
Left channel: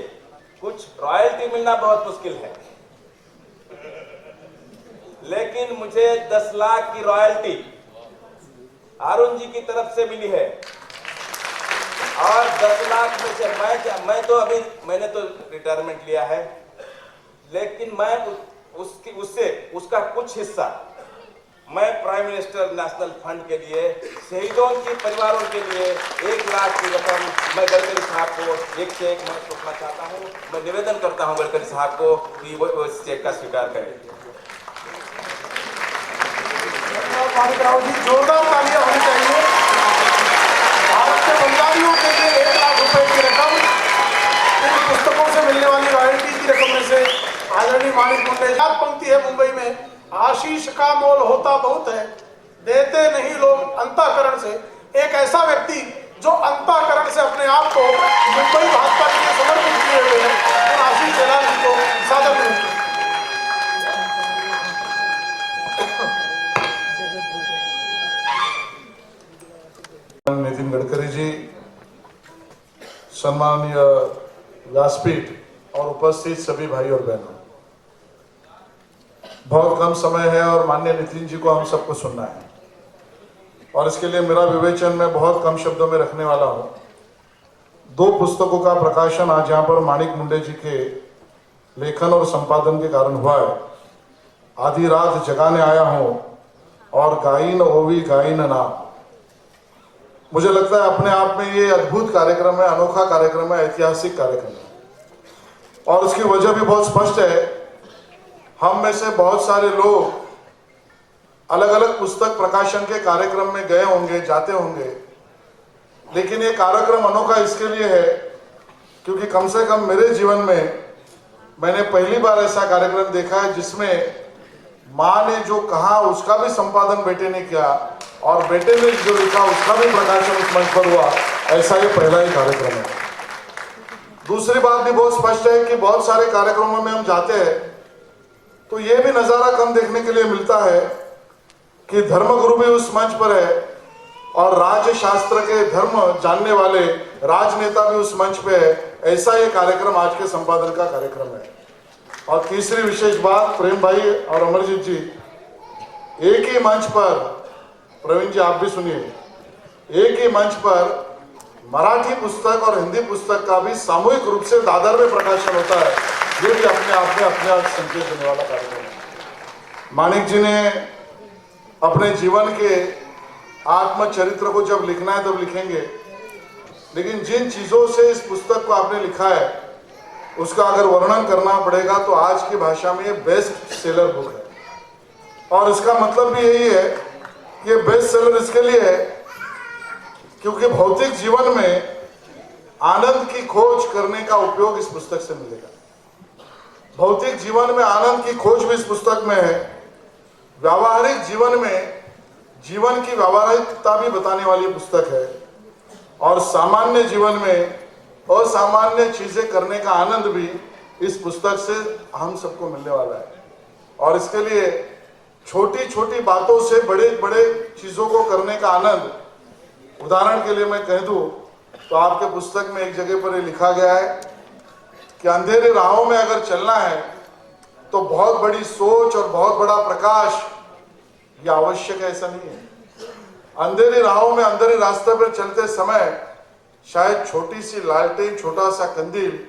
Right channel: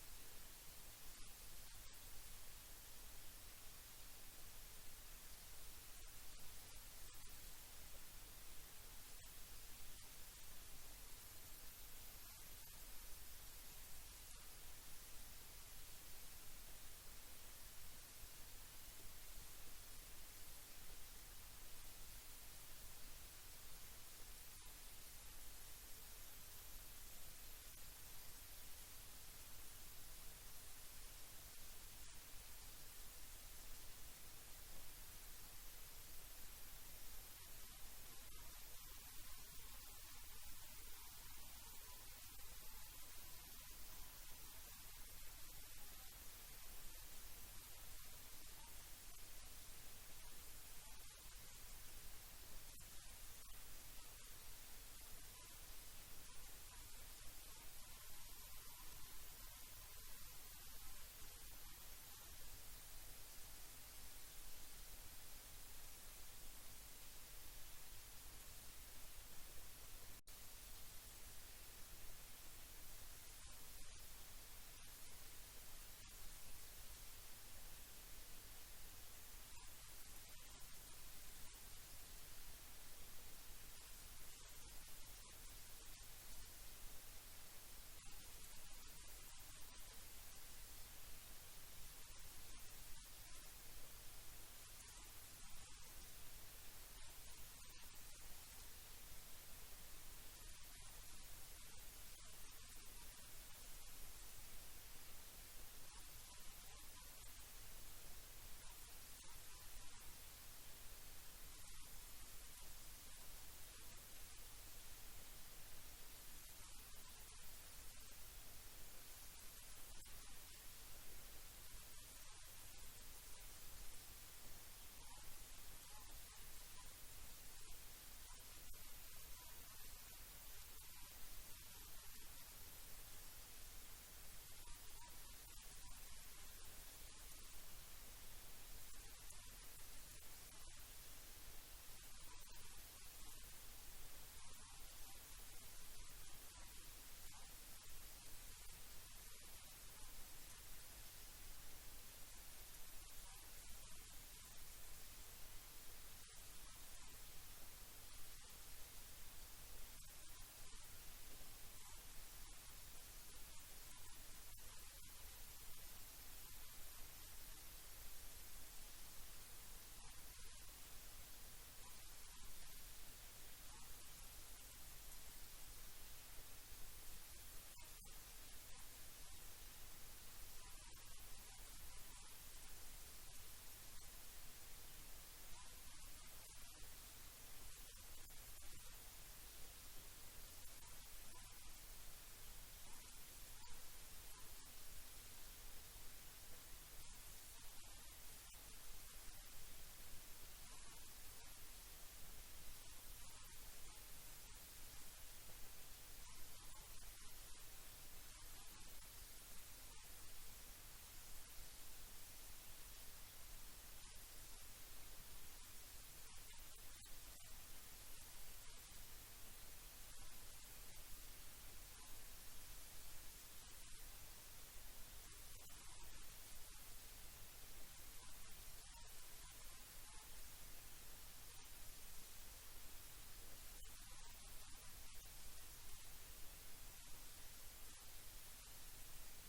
कुछ रॉयल्टी मिलना बहुत मुश्किल है, लेकिन मुझे 10 लाख की रॉयल्टी अरुण जी की तरफ से मिली है। और 10 लाख में से मैंने तो रिटायरमेंट लिया है, लेकिन मैं उसका कुछ हिस्सा मैं प्राइम मिनिस्टर नेशनल फंड के लिए शहीदों के परिवारों के लिए 1 लाख की रकम मैं गडकरी साहब को एक चेक मैं सौंपना चाहता हूं। मैं निवेदन करता हूं गडकरी साहब को कि वो इस चेक का स्वीकार करें। जोरदार तालियां होनी चाहिए। भारत के बंगालियों के लिए 1 लाख रुपए की रकम इन पुस्तकों से मिलने वाली रॉयल्टी की रकम में से आदरणीय माणिक मुंडे। पंक्ति है मुंबई में, आशीष का मोल होता बहुत है, देते नहीं लोग अंतःकरण से। एक ऐसा व्यक्ति जो अंतःकरण से अपने आप को मुंबई भाजपा के लिए समर्पित किए हुए हैं, उन आशीष जलाल जी को सादर करते हैं। नितिन गडकरी जी, सम्माननीय व्यासपीठ और उपस्थित सभी भाई और बहनों, बहुत कम समय है और माननीय नितिन जी को हम सबको सुनना है और इसके लिए मेरा विवेचन मैं बहुत कम शब्दों में रखने वाला हूं। 2 पुस्तकों का प्रकाशन आज यहाँ पर माणिक मुंडे जी के लेखन और संपादन के कारण हुआ है। आधी रात जगाने आया हूं और गाइन ओवी गाइन ना। मुझे लगता है अपने आप में ये अद्भुत कार्यक्रम है, अनोखा कार्यक्रम है, ऐतिहासिक कार्यक्रम है और उसकी वजह भी बहुत स्पष्ट है। हम में से बहुत सारे लोग अलग अलग पुस्तक प्रकाशन के कार्यक्रम में गए होंगे, जाते होंगे, लेकिन ये कार्यक्रम अनोखा इसके लिए है क्योंकि कम से कम मेरे जीवन में मैंने पहली बार ऐसा कार्यक्रम देखा है जिसमें माँ ने जो कहा उसका भी संपादन बेटे ने किया और बेटे ने जो लिखा उसका भी प्रकाशन उस मंच पर हुआ। ऐसा ये पहला ही कार्यक्रम है। दूसरी बात भी बहुत स्पष्ट है कि बहुत सारे कार्यक्रमों में हम जाते हैं तो ये भी नजारा कम देखने के लिए मिलता है कि धर्मगुरु भी उस मंच पर है और राज्य शास्त्र के धर्म जानने वाले राजनेता भी उस मंच पे है। ऐसा ये कार्यक्रम आज के संपादन का कार्यक्रम है। और तीसरी विशेष बात, प्रेम भाई और अमरजीत जी, एक ही मंच पर, प्रवीण जी आप भी सुनिए, एक ही मंच पर मराठी पुस्तक और हिंदी पुस्तक का भी सामूहिक रूप से दादर में प्रकाशन होता है। ये भी अपने आप में अपने आप संकेत देने वाला कार्यक्रम है। माणिक जी ने अपने जीवन के आत्मचरित्र को जब लिखना है तब लिखेंगे, लेकिन जिन चीजों से इस पुस्तक को आपने लिखा है उसका अगर वर्णन करना पड़ेगा तो आज की भाषा में ये बेस्ट सेलर बुक है। और इसका मतलब भी यही है कि ये बेस्ट सेलर इसके लिए है क्योंकि भौतिक जीवन में आनंद की खोज करने का उपयोग इस पुस्तक से मिलेगा। भौतिक जीवन में आनंद की खोज भी इस पुस्तक में है। व्यावहारिक जीवन में जीवन की व्यावहारिकता भी बताने वाली पुस्तक है और सामान्य जीवन में असामान्य चीजें करने का आनंद भी इस पुस्तक से हम सबको मिलने वाला है। और इसके लिए छोटी छोटी बातों से बड़े बड़े चीजों को करने का आनंद, उदाहरण के लिए मैं कह दूं तो आपके पुस्तक में एक जगह पर ये लिखा गया है कि अंधेरी राहों में अगर चलना है तो बहुत बड़ी सोच और बहुत बड़ा प्रकाश ये आवश्यक है, ऐसा नहीं है। अंधेरी राहों में अंधेरे रास्ते पर चलते समय शायद छोटी सी लालटेन, छोटा सा कंदील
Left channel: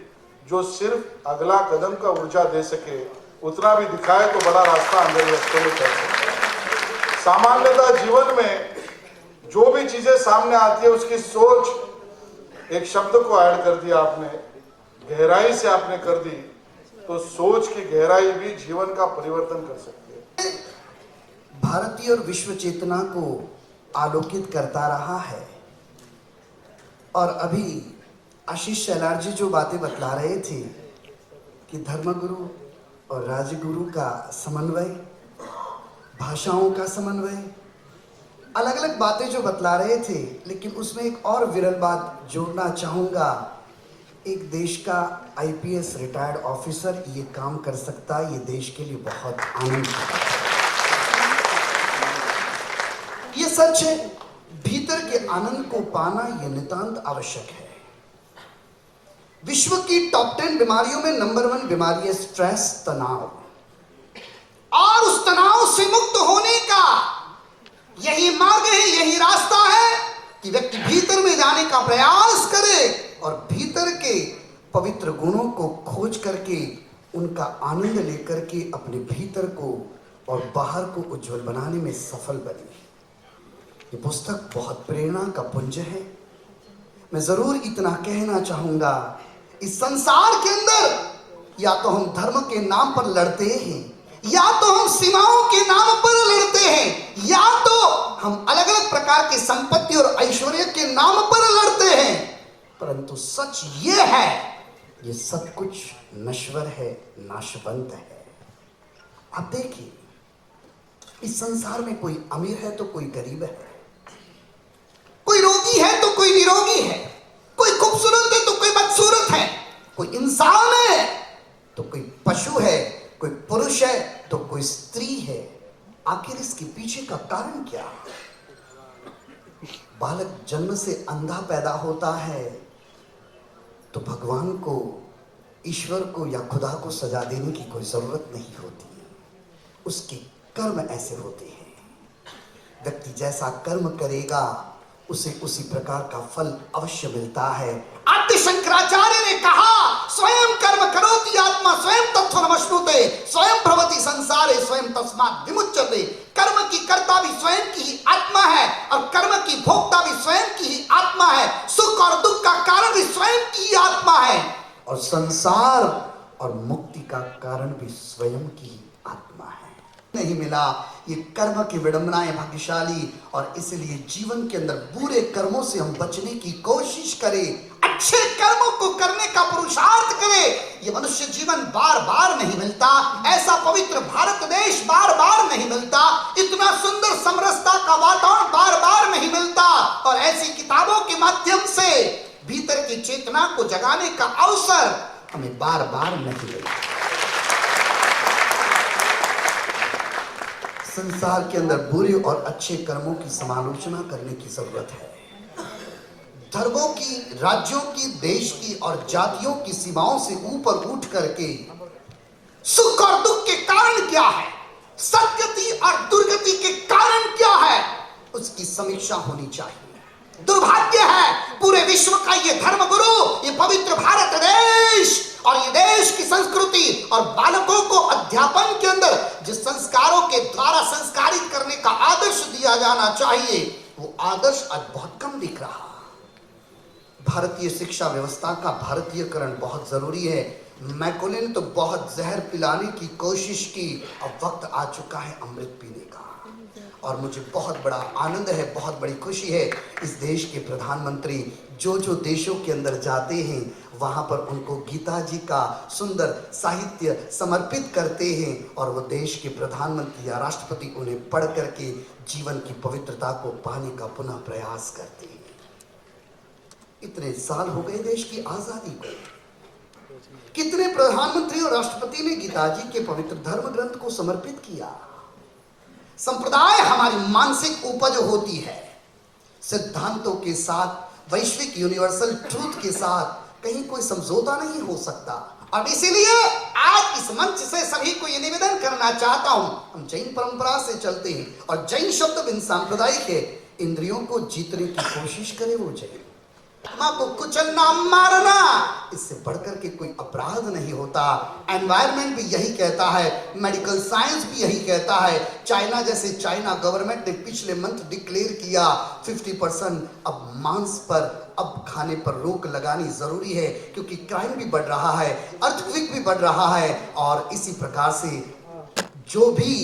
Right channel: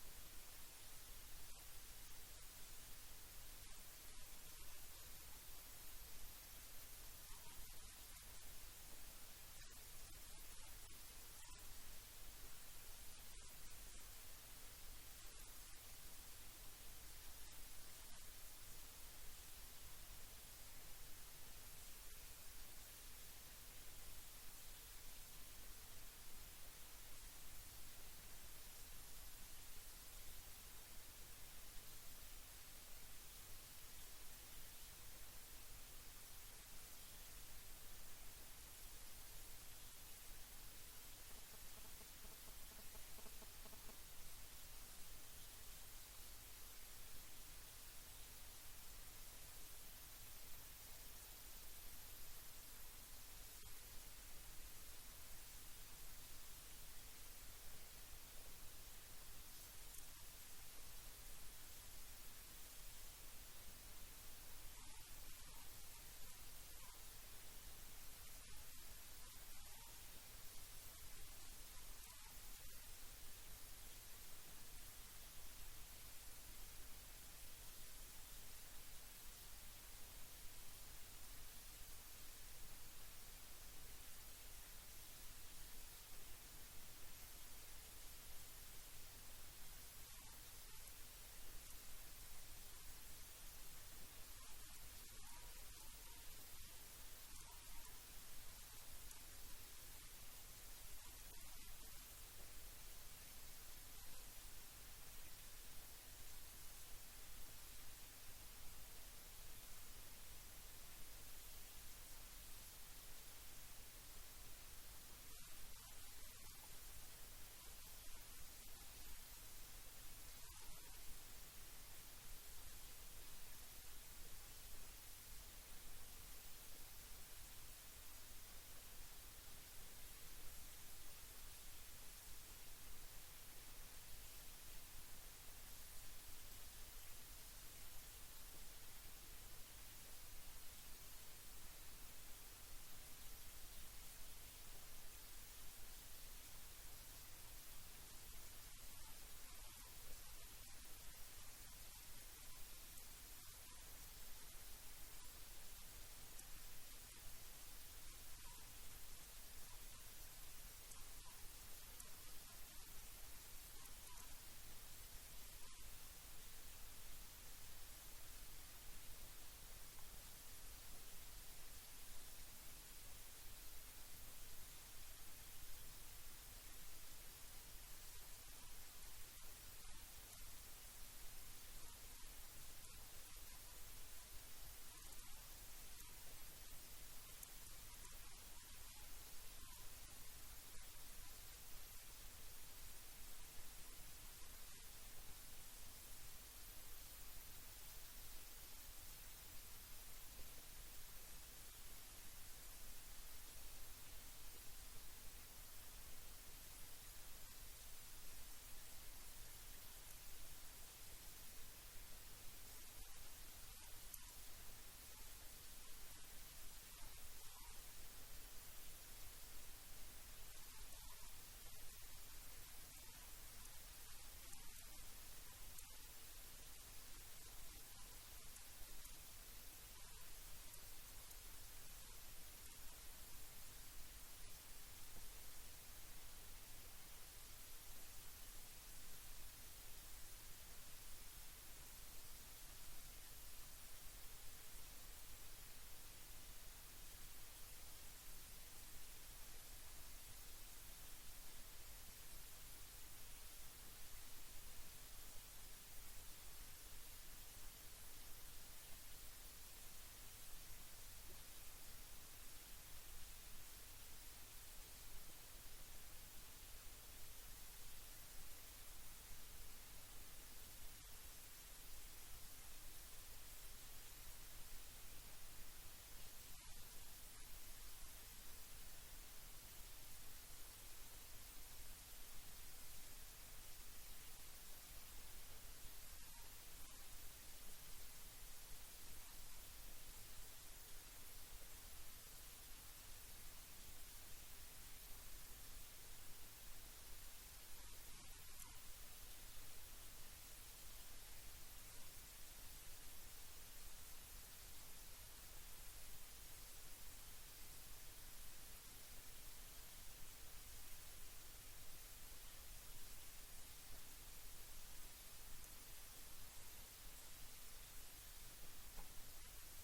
जो सिर्फ अगला कदम का ऊर्जा दे सके, उतना भी दिखाए तो बड़ा रास्ता अंधेरे रास्ते में चल सके। सामान्यतः जीवन में जो भी चीजें सामने आती है उसकी सोच, एक शब्द को ऐड कर दिया आपने, गहराई से आपने कर दी, तो सोच की गहराई भी जीवन का परिवर्तन कर सकती है। भारतीय और विश्व चेतना को आलोकित करता रहा है। और अभी आशीष शैलार जी जो बातें बतला रहे थे कि धर्मगुरु और राजगुरु का समन्वय, भाषाओं का समन्वय, अलग अलग बातें जो बतला रहे थे, लेकिन उसमें एक और विरल बात जोड़ना चाहूंगा। एक देश का आईपीएस रिटायर्ड ऑफिसर ये काम कर सकता है, ये देश के लिए बहुत आनंद है। ये सच है, भीतर के आनंद को पाना यह नितांत आवश्यक है। विश्व की टॉप 10 बीमारियों में नंबर 1 बीमारी है स्ट्रेस, तनाव। और उस तनाव से मुक्त होने का यही मार्ग है, यही रास्ता है कि व्यक्ति भीतर में जाने का प्रयास करे और भीतर के पवित्र गुणों को खोज करके उनका आनंद लेकर के अपने भीतर को और बाहर को उज्जवल बनाने में सफल बने। ये पुस्तक बहुत प्रेरणा का पुंज है। मैं जरूर इतना कहना चाहूंगा, इस संसार के अंदर या तो हम धर्म के नाम पर लड़ते हैं, या तो हम सीमाओं के नाम पर लड़ते हैं, या तो हम अलग अलग प्रकार की संपत्ति और ऐश्वर्य के नाम पर लड़ते हैं। परंतु सच ये है, ये सब कुछ नश्वर है, नाशवंत है। आप देखिए, इस संसार में कोई अमीर है तो कोई गरीब है, कोई रोगी है तो कोई निरोगी है, कोई खूबसूरत है तो कोई बदसूरत है, कोई इंसान है तो कोई पशु है, कोई पुरुष है तो कोई स्त्री है। आखिर इसके पीछे का कारण क्या? बालक जन्म से अंधा पैदा होता है तो भगवान को, ईश्वर को या खुदा को सजा देने की कोई जरूरत नहीं होती। उसके कर्म ऐसे होते हैं। व्यक्ति जैसा कर्म करेगा उसे उसी प्रकार का फल अवश्य मिलता है। आद्य शंकराचार्य ने कहा, स्वयं कर्म करोति आत्मा स्वयं तत्त्वमश्नुते स्वयं भवति संसारे स्वयं तस्मात् विमुच्यते। कर्म की कर्ता भी स्वयं की ही आत्मा है और कर्म की भोक्ता भी स्वयं की ही आत्मा है। सुख और दुख का कारण भी स्वयं की ही आत्मा है और संसार और मुक्ति का कारण भी स्वयं की ही आत्मा है। नहीं मिला, ये कर्म की विडंबनाएं भाग्यशाली, और इसलिए जीवन के अंदर बुरे कर्मों से हम बचने की कोशिश करें, अच्छे कर्मों को करने का पुरुषार्थ करें। ये मनुष्य जीवन बार बार नहीं मिलता, ऐसा पवित्र भारत देश बार बार नहीं मिलता, इतना सुंदर समरसता का वातावरण बार बार नहीं मिलता, और ऐसी किताबों के माध्यम से भीतर की चेतना को जगाने का अवसर हमें बार बार नहीं मिलता। संसार के अंदर बुरे और अच्छे कर्मों की समालोचना करने की जरूरत है। धर्मों की, राज्यों की, देश की और जातियों की सीमाओं से ऊपर उठ करके सुख और दुख के कारण क्या है, सद्गति और दुर्गति के कारण क्या है, उसकी समीक्षा होनी चाहिए। दुर्भाग्य है पूरे विश्व का ये धर्मगुरु, ये पवित्र भारत देश और ये देश की संस्कृति और बालकों को अध्यापन के अंदर जिस संस्कारों के द्वारा संस्कारित करने का आदर्श दिया जाना चाहिए, वो आदर्श आज बहुत कम दिख रहा। भारतीय शिक्षा व्यवस्था का भारतीयकरण बहुत जरूरी है। मैकोले ने तो बहुत जहर पिलाने की कोशिश की, अब वक्त आ चुका है अमृत पीने का। और मुझे बहुत बड़ा आनंद है, बहुत बड़ी खुशी है, इस देश के प्रधानमंत्री जो जो देशों के अंदर जाते हैं वहां पर उनको गीता जी का सुंदर साहित्य समर्पित करते हैं, और वो देश के प्रधानमंत्री या राष्ट्रपति उन्हें पढ़ करके जीवन की पवित्रता को पाने का पुनः प्रयास करते हैं। इतने साल हो गए देश की आजादी को, कितने प्रधानमंत्री और राष्ट्रपति ने गीता जी के पवित्र धर्म ग्रंथ को समर्पित किया। संप्रदाय हमारी मानसिक उपज होती है, सिद्धांतों के साथ, वैश्विक यूनिवर्सल ट्रूथ के साथ कहीं कोई समझौता नहीं हो सकता। और इसीलिए आज इस मंच से सभी को यह निवेदन करना चाहता हूं, हम जैन परंपरा से चलते हैं और जैन शब्द बिन सांप्रदायिक है। इंद्रियों को जीतने की कोशिश करे वो जैन। मां को कुचलना, मारना, इससे बढ़कर के कोई अपराध नहीं होता। एनवायरनमेंट भी यही कहता है, मेडिकल साइंस भी यही कहता है। चाइना जैसे चाइना गवर्नमेंट ने पिछले मंथ डिक्लेयर किया 50% अब मांस पर, अब खाने पर रोक लगानी जरूरी है, क्योंकि क्राइम भी बढ़ रहा है, अर्थक्वेक भी बढ़ रहा है, और इसी प्रकार से जो भी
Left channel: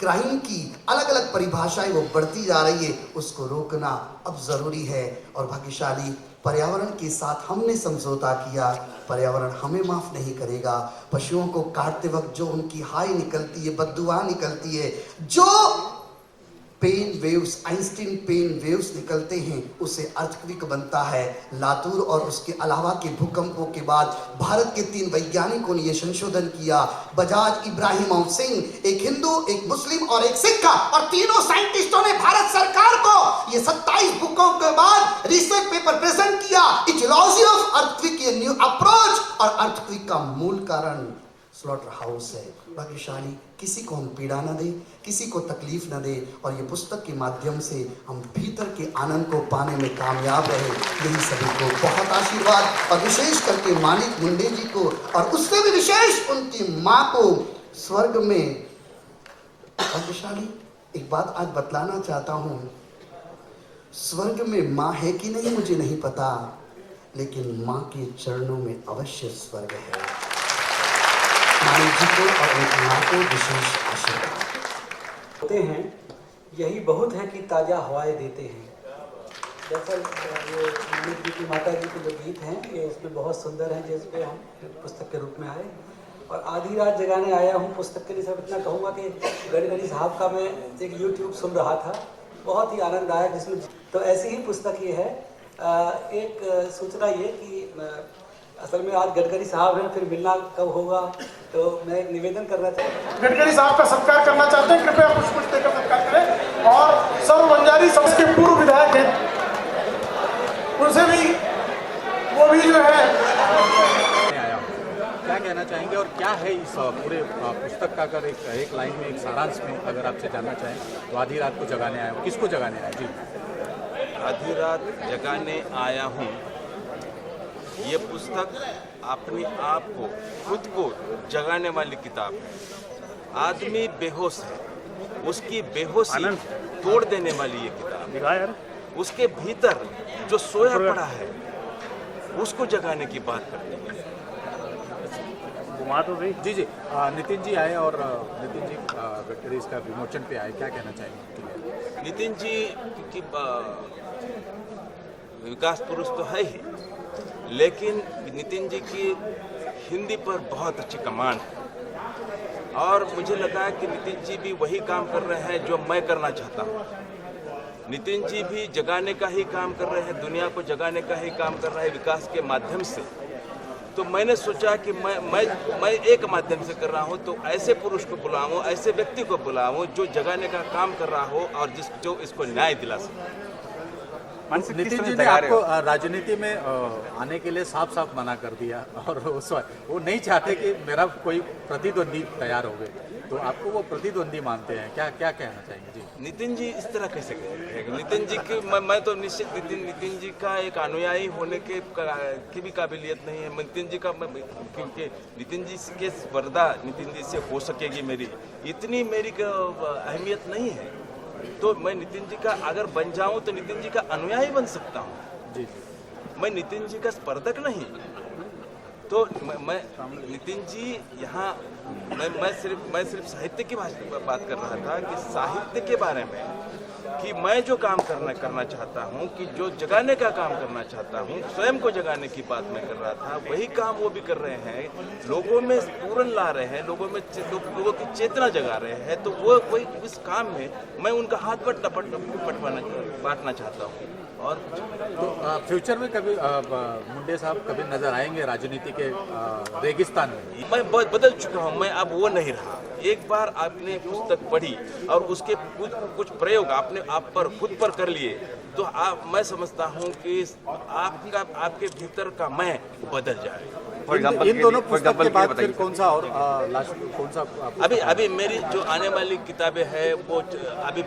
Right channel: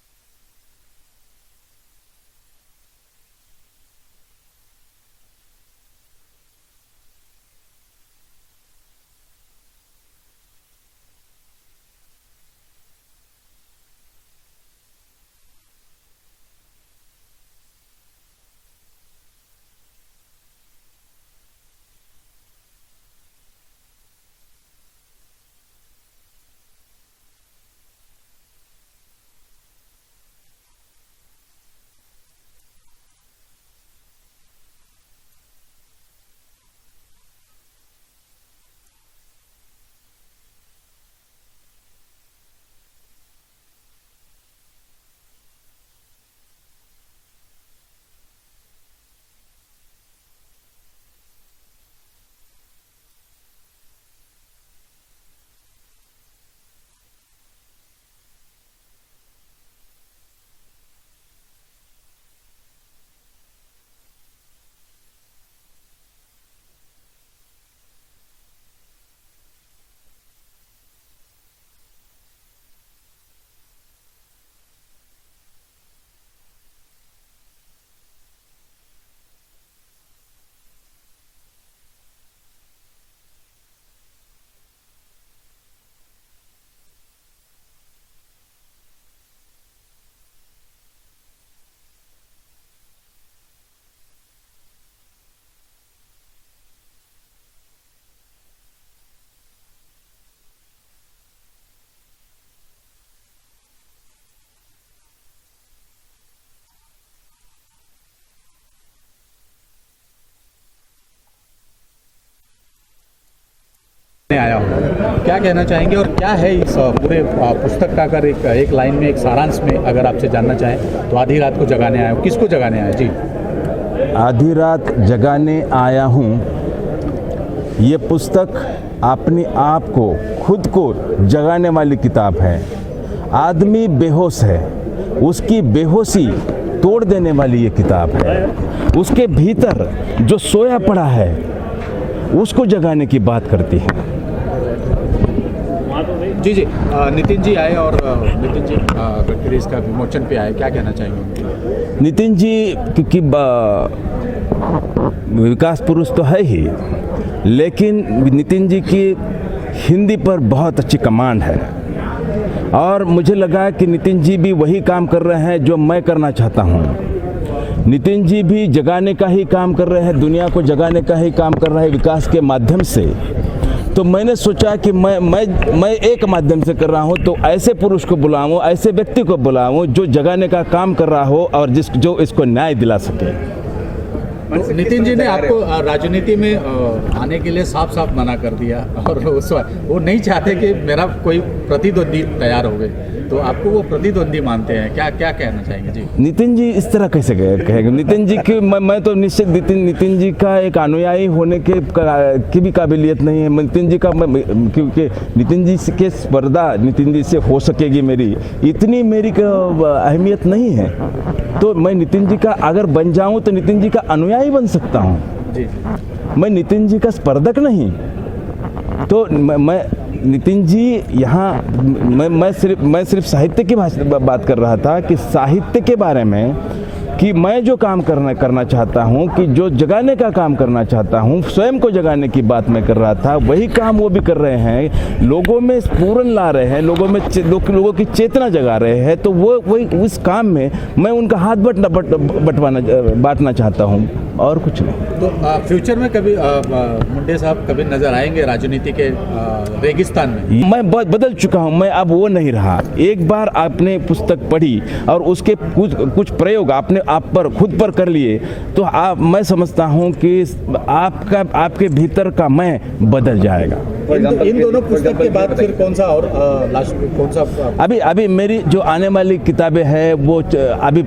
क्राइम की अलग अलग परिभाषाएं वो बढ़ती जा रही है, उसको रोकना अब जरूरी है। और भाग्यशाली पर्यावरण के साथ हमने समझौता किया, पर्यावरण हमें माफ नहीं करेगा। पशुओं को काटते वक्त जो उनकी हाय निकलती है, बददुआ निकलती है, जो pain waves, Einstein pain waves निकलते हैं, उसे अर्थक्वेक बनता है। लातूर और उसके अलावा के भूकंपों के बाद भारत के 3 वैज्ञानिकों ने यह संशोधन किया। बजाज इब्राहिम सिंह, एक हिंदू, एक मुस्लिम और एक सिख, और तीनों साइंटिस्टों ने भारत सरकार को ये 27 बुकों के बाद रिसर्च पेपर प्रेजेंट किया, इटियोलॉजी ऑफ अर्थक्वेक, ये न्यू अप्रोच। और अर्थक्वेक का मूल कारण स्लॉटर हाउस है। भाग्यशाली किसी को हम पीड़ा न दे, किसी को तकलीफ न दे, और ये पुस्तक के माध्यम से हम भीतर के आनंद को पाने में कामयाब रहे, यही सभी को बहुत आशीर्वाद। और विशेष करके मानिक मुंडे जी को, और उससे भी विशेष उनकी माँ को स्वर्ग में। भाग्यशाली एक बात आज बतलाना चाहता हूँ, स्वर्ग में माँ है कि नहीं मुझे नहीं पता, लेकिन माँ के चरणों में अवश्य स्वर्ग है। मानिक जी को और उनकी माँ को विशेष आशीर्वाद होते हैं। यही बहुत है कि ताज़ा हवाएं देते हैं। दरअसल ये मानिक जी की माता जी के जो गीत हैं, ये इसमें बहुत सुंदर हैं, जिसपे हम पुस्तक के रूप में आए, और आधी रात जगाने आया हूँ पुस्तक के लिए। सब इतना कहूँगा कि गडकरी साहब का मैं एक YouTube सुन रहा था, बहुत ही आनंद आया, जिसमें तो ऐसी ही पुस्तक ये है। एक सूचना ये कि असल में आज गडकरी साहब हैं, फिर मिलना कब होगा, तो मैं एक निवेदन करना चाहता हूँ। गडकरी साहब का सत्कार करना चाहते हैं, कृपया पुष्प देकर सत्कार करें। और सर्व बंजारी समाज के पूर्व विधायक हैं मैं आया हूँ, क्या कहना चाहेंगे और क्या है इस पूरे पुस्तक का? अगर एक लाइन में, एक सारांश में अगर आपसे जानना चाहें तो आधी रात को जगाने आया हूँ, किसको जगाने आया? जी, आधी रात जगाने आया हूँ, ये पुस्तक अपने आप को, खुद को जगाने वाली किताब है। आदमी बेहोश है, उसकी बेहोशी तोड़ देने वाली ये किताब है। उसके भीतर जो सोया पड़ा है उसको जगाने की बात करती है। जी जी, नितिन जी आए और नितिन जी गडकरी इसका विमोचन पे आए, क्या कहना चाहेंगे? नितिन जी क्योंकि विकास पुरुष तो है ही, लेकिन नितिन जी की हिंदी पर बहुत अच्छी कमांड है और मुझे लगा कि नितिन जी भी वही काम कर रहे हैं जो मैं करना चाहता हूँ। नितिन जी भी जगाने का ही काम कर रहे हैं, दुनिया को जगाने का ही काम कर रहे हैं विकास के माध्यम से। तो मैंने सोचा कि मैं एक माध्यम से कर रहा हूँ, तो ऐसे पुरुष को बुलाऊं, ऐसे व्यक्ति को बुलाऊं जो जगाने का काम कर रहा हो और जो इसको न्याय दिला सके। तो नितिन जी ने आपको राजनीति में आने के लिए साफ साफ मना कर दिया और वो नहीं चाहते कि मेरा कोई प्रतिद्वंदी तैयार हो गए, तो आपको वो प्रतिद्वंदी मानते हैं, क्या कहना चाहेंगे? जी, नितिन जी इस तरह कैसे कहेंगे? नितिन जी की मैं तो निश्चित नितिन जी का एक अनुयायी होने की भी काबिलियत नहीं है नितिन जी का, क्योंकि नितिन जी के स्पर्धा नितिन जी से हो सकेगी मेरी, इतनी मेरी अहमियत नहीं है। तो मैं नितिन जी का अगर बन जाऊं तो नितिन जी का अनुयायी बन सकता हूं। जी, मैं नितिन जी का स्पर्धक नहीं। तो मैं नितिन जी यहाँ मैं सिर्फ साहित्य की बात कर रहा था कि साहित्य के बारे में, कि मैं जो काम करना चाहता हूँ, कि जो जगाने का काम करना चाहता हूँ, स्वयं को जगाने की बात मैं कर रहा था, वही काम वो भी कर रहे हैं। लोगों में स्फुरन ला रहे हैं, लोगों की चेतना जगा रहे हैं। तो वही उस काम में मैं उनका हाथ बांटना चाहता हूँ और कुछ नहीं। तो फ्यूचर में कभी मुंडे साहब कभी नजर आएंगे राजनीति के रेगिस्तान में? मैं बदल चुका हूं, मैं अब वो नहीं रहा। एक बार आपने पुस्तक पढ़ी और उसके कुछ प्रयोग आपने आप पर खुद पर कर लिए, तो मैं समझता हूं कि आपके भीतर का मैं बदल जाएगा। इन दोनों पुस्तक के बाद फिर कौन सा और कौन सा? अभी मेरी जो आने वाली किताबें हैं वो अभी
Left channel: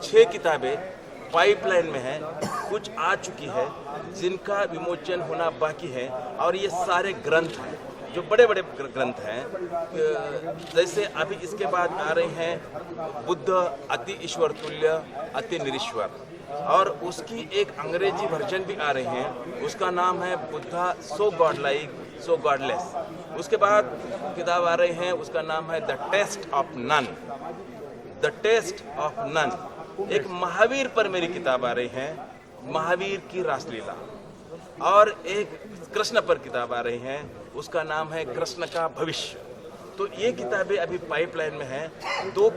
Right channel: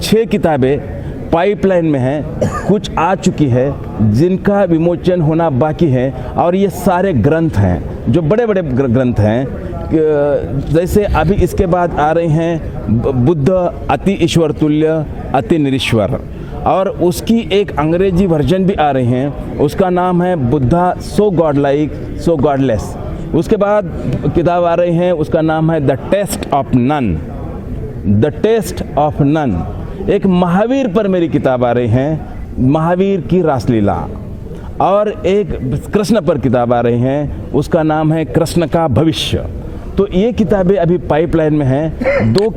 6 किताबें पाइपलाइन में है, कुछ आ चुकी है जिनका विमोचन होना बाकी है। और ये सारे ग्रंथ हैं जो बड़े बड़े ग्रंथ हैं। जैसे अभी इसके बाद आ रहे हैं बुद्ध अति ईश्वर तुल्य अति निरीश्वर, और उसकी एक अंग्रेजी वर्जन भी आ रही हैं, उसका नाम है Buddha so god like so godless. उसके बाद किताब आ रही है, उसका नाम है the test of none, the test of none. एक महावीर पर मेरी किताब आ रही है, महावीर की रासलीला। और एक कृष्ण पर किताब आ रही है, उसका नाम है कृष्ण का भविष्य। तो ये किताबें अभी पाइपलाइन में हैं। 2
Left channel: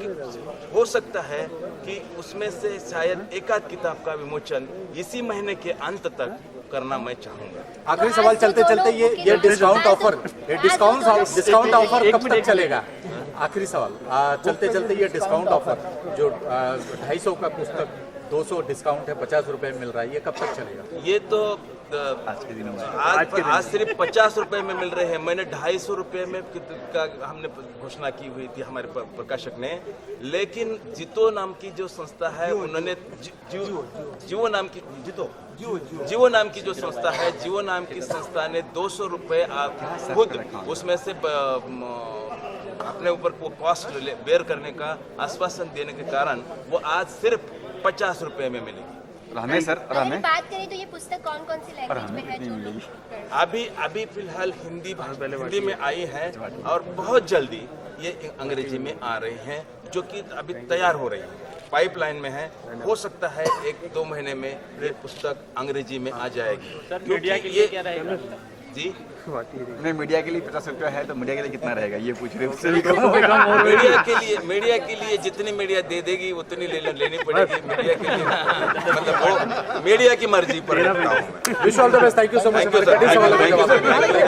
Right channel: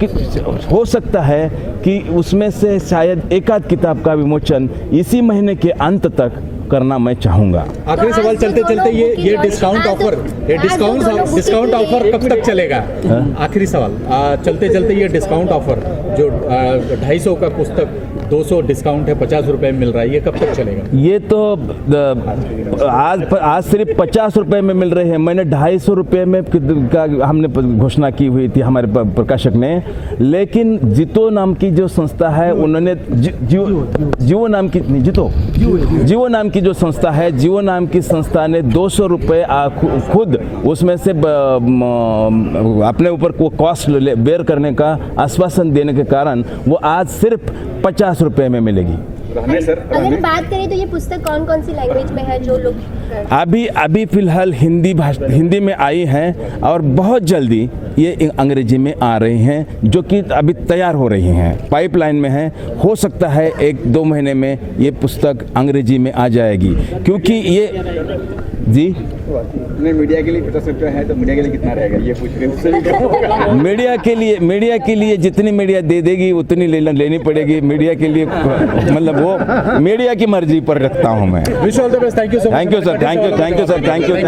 हो सकता है कि उसमें से शायद एक आध किताब का विमोचन इसी महीने के अंत तक करना मैं चाहूंगा। आखिरी सवाल चलते चलते, ये डिस्काउंट ऑफर कब तक चलेगा? आखिरी सवाल चलते चलते, ये डिस्काउंट ऑफर जो 250 का पुस्तक 200 डिस्काउंट है, 50 रुपए में मिल रहा है, ये कब तक चलेगा? ये तो आज सिर्फ 50 रुपए में मिल रहे हैं। मैंने 250 रुपए में हमने घोषणा की हुई थी हमारे प्रकाशक ने, लेकिन जितो नाम की जो संस्था है उन्होंने जीवो नाम की जो संस्था है, जीवो नाम की संस्था ने 200 रुपए खुद उसमें से अपने ऊपर को कॉस्ट बेयर करने का आश्वासन देने के कारण वो आज सिर्फ 50 रुपए में मिलेगी। अगर बात करें तो ये पुस्तक कौन कौन सी लैंग्वेज में है जो लोग? अभी फिलहाल हिंदी में आई हैं और बहुत जल्दी ये अंग्रेजी में आ रही हैं, जो कि अभी तैयार हो रही हैं, पाइपलाइन में है। हो सकता है 1-2 महीने में ये पुस्तक अंग्रेजी में आ जाएगी, क्योंकि ये जी मीडिया के लिए 50 रुपया है, तो मीडिया के लिए कितना रहेगा ये पूछ रहे हैं। मीडिया के लिए जितनी मीडिया दे देगी उतनी लेनी पड़ेगी। मीडिया के लिए मतलब वो मीडिया की मर्जी पर रखता हूँ मैं। Wish all the best, thank you so much. Thank you sir, thank you sir, thank you.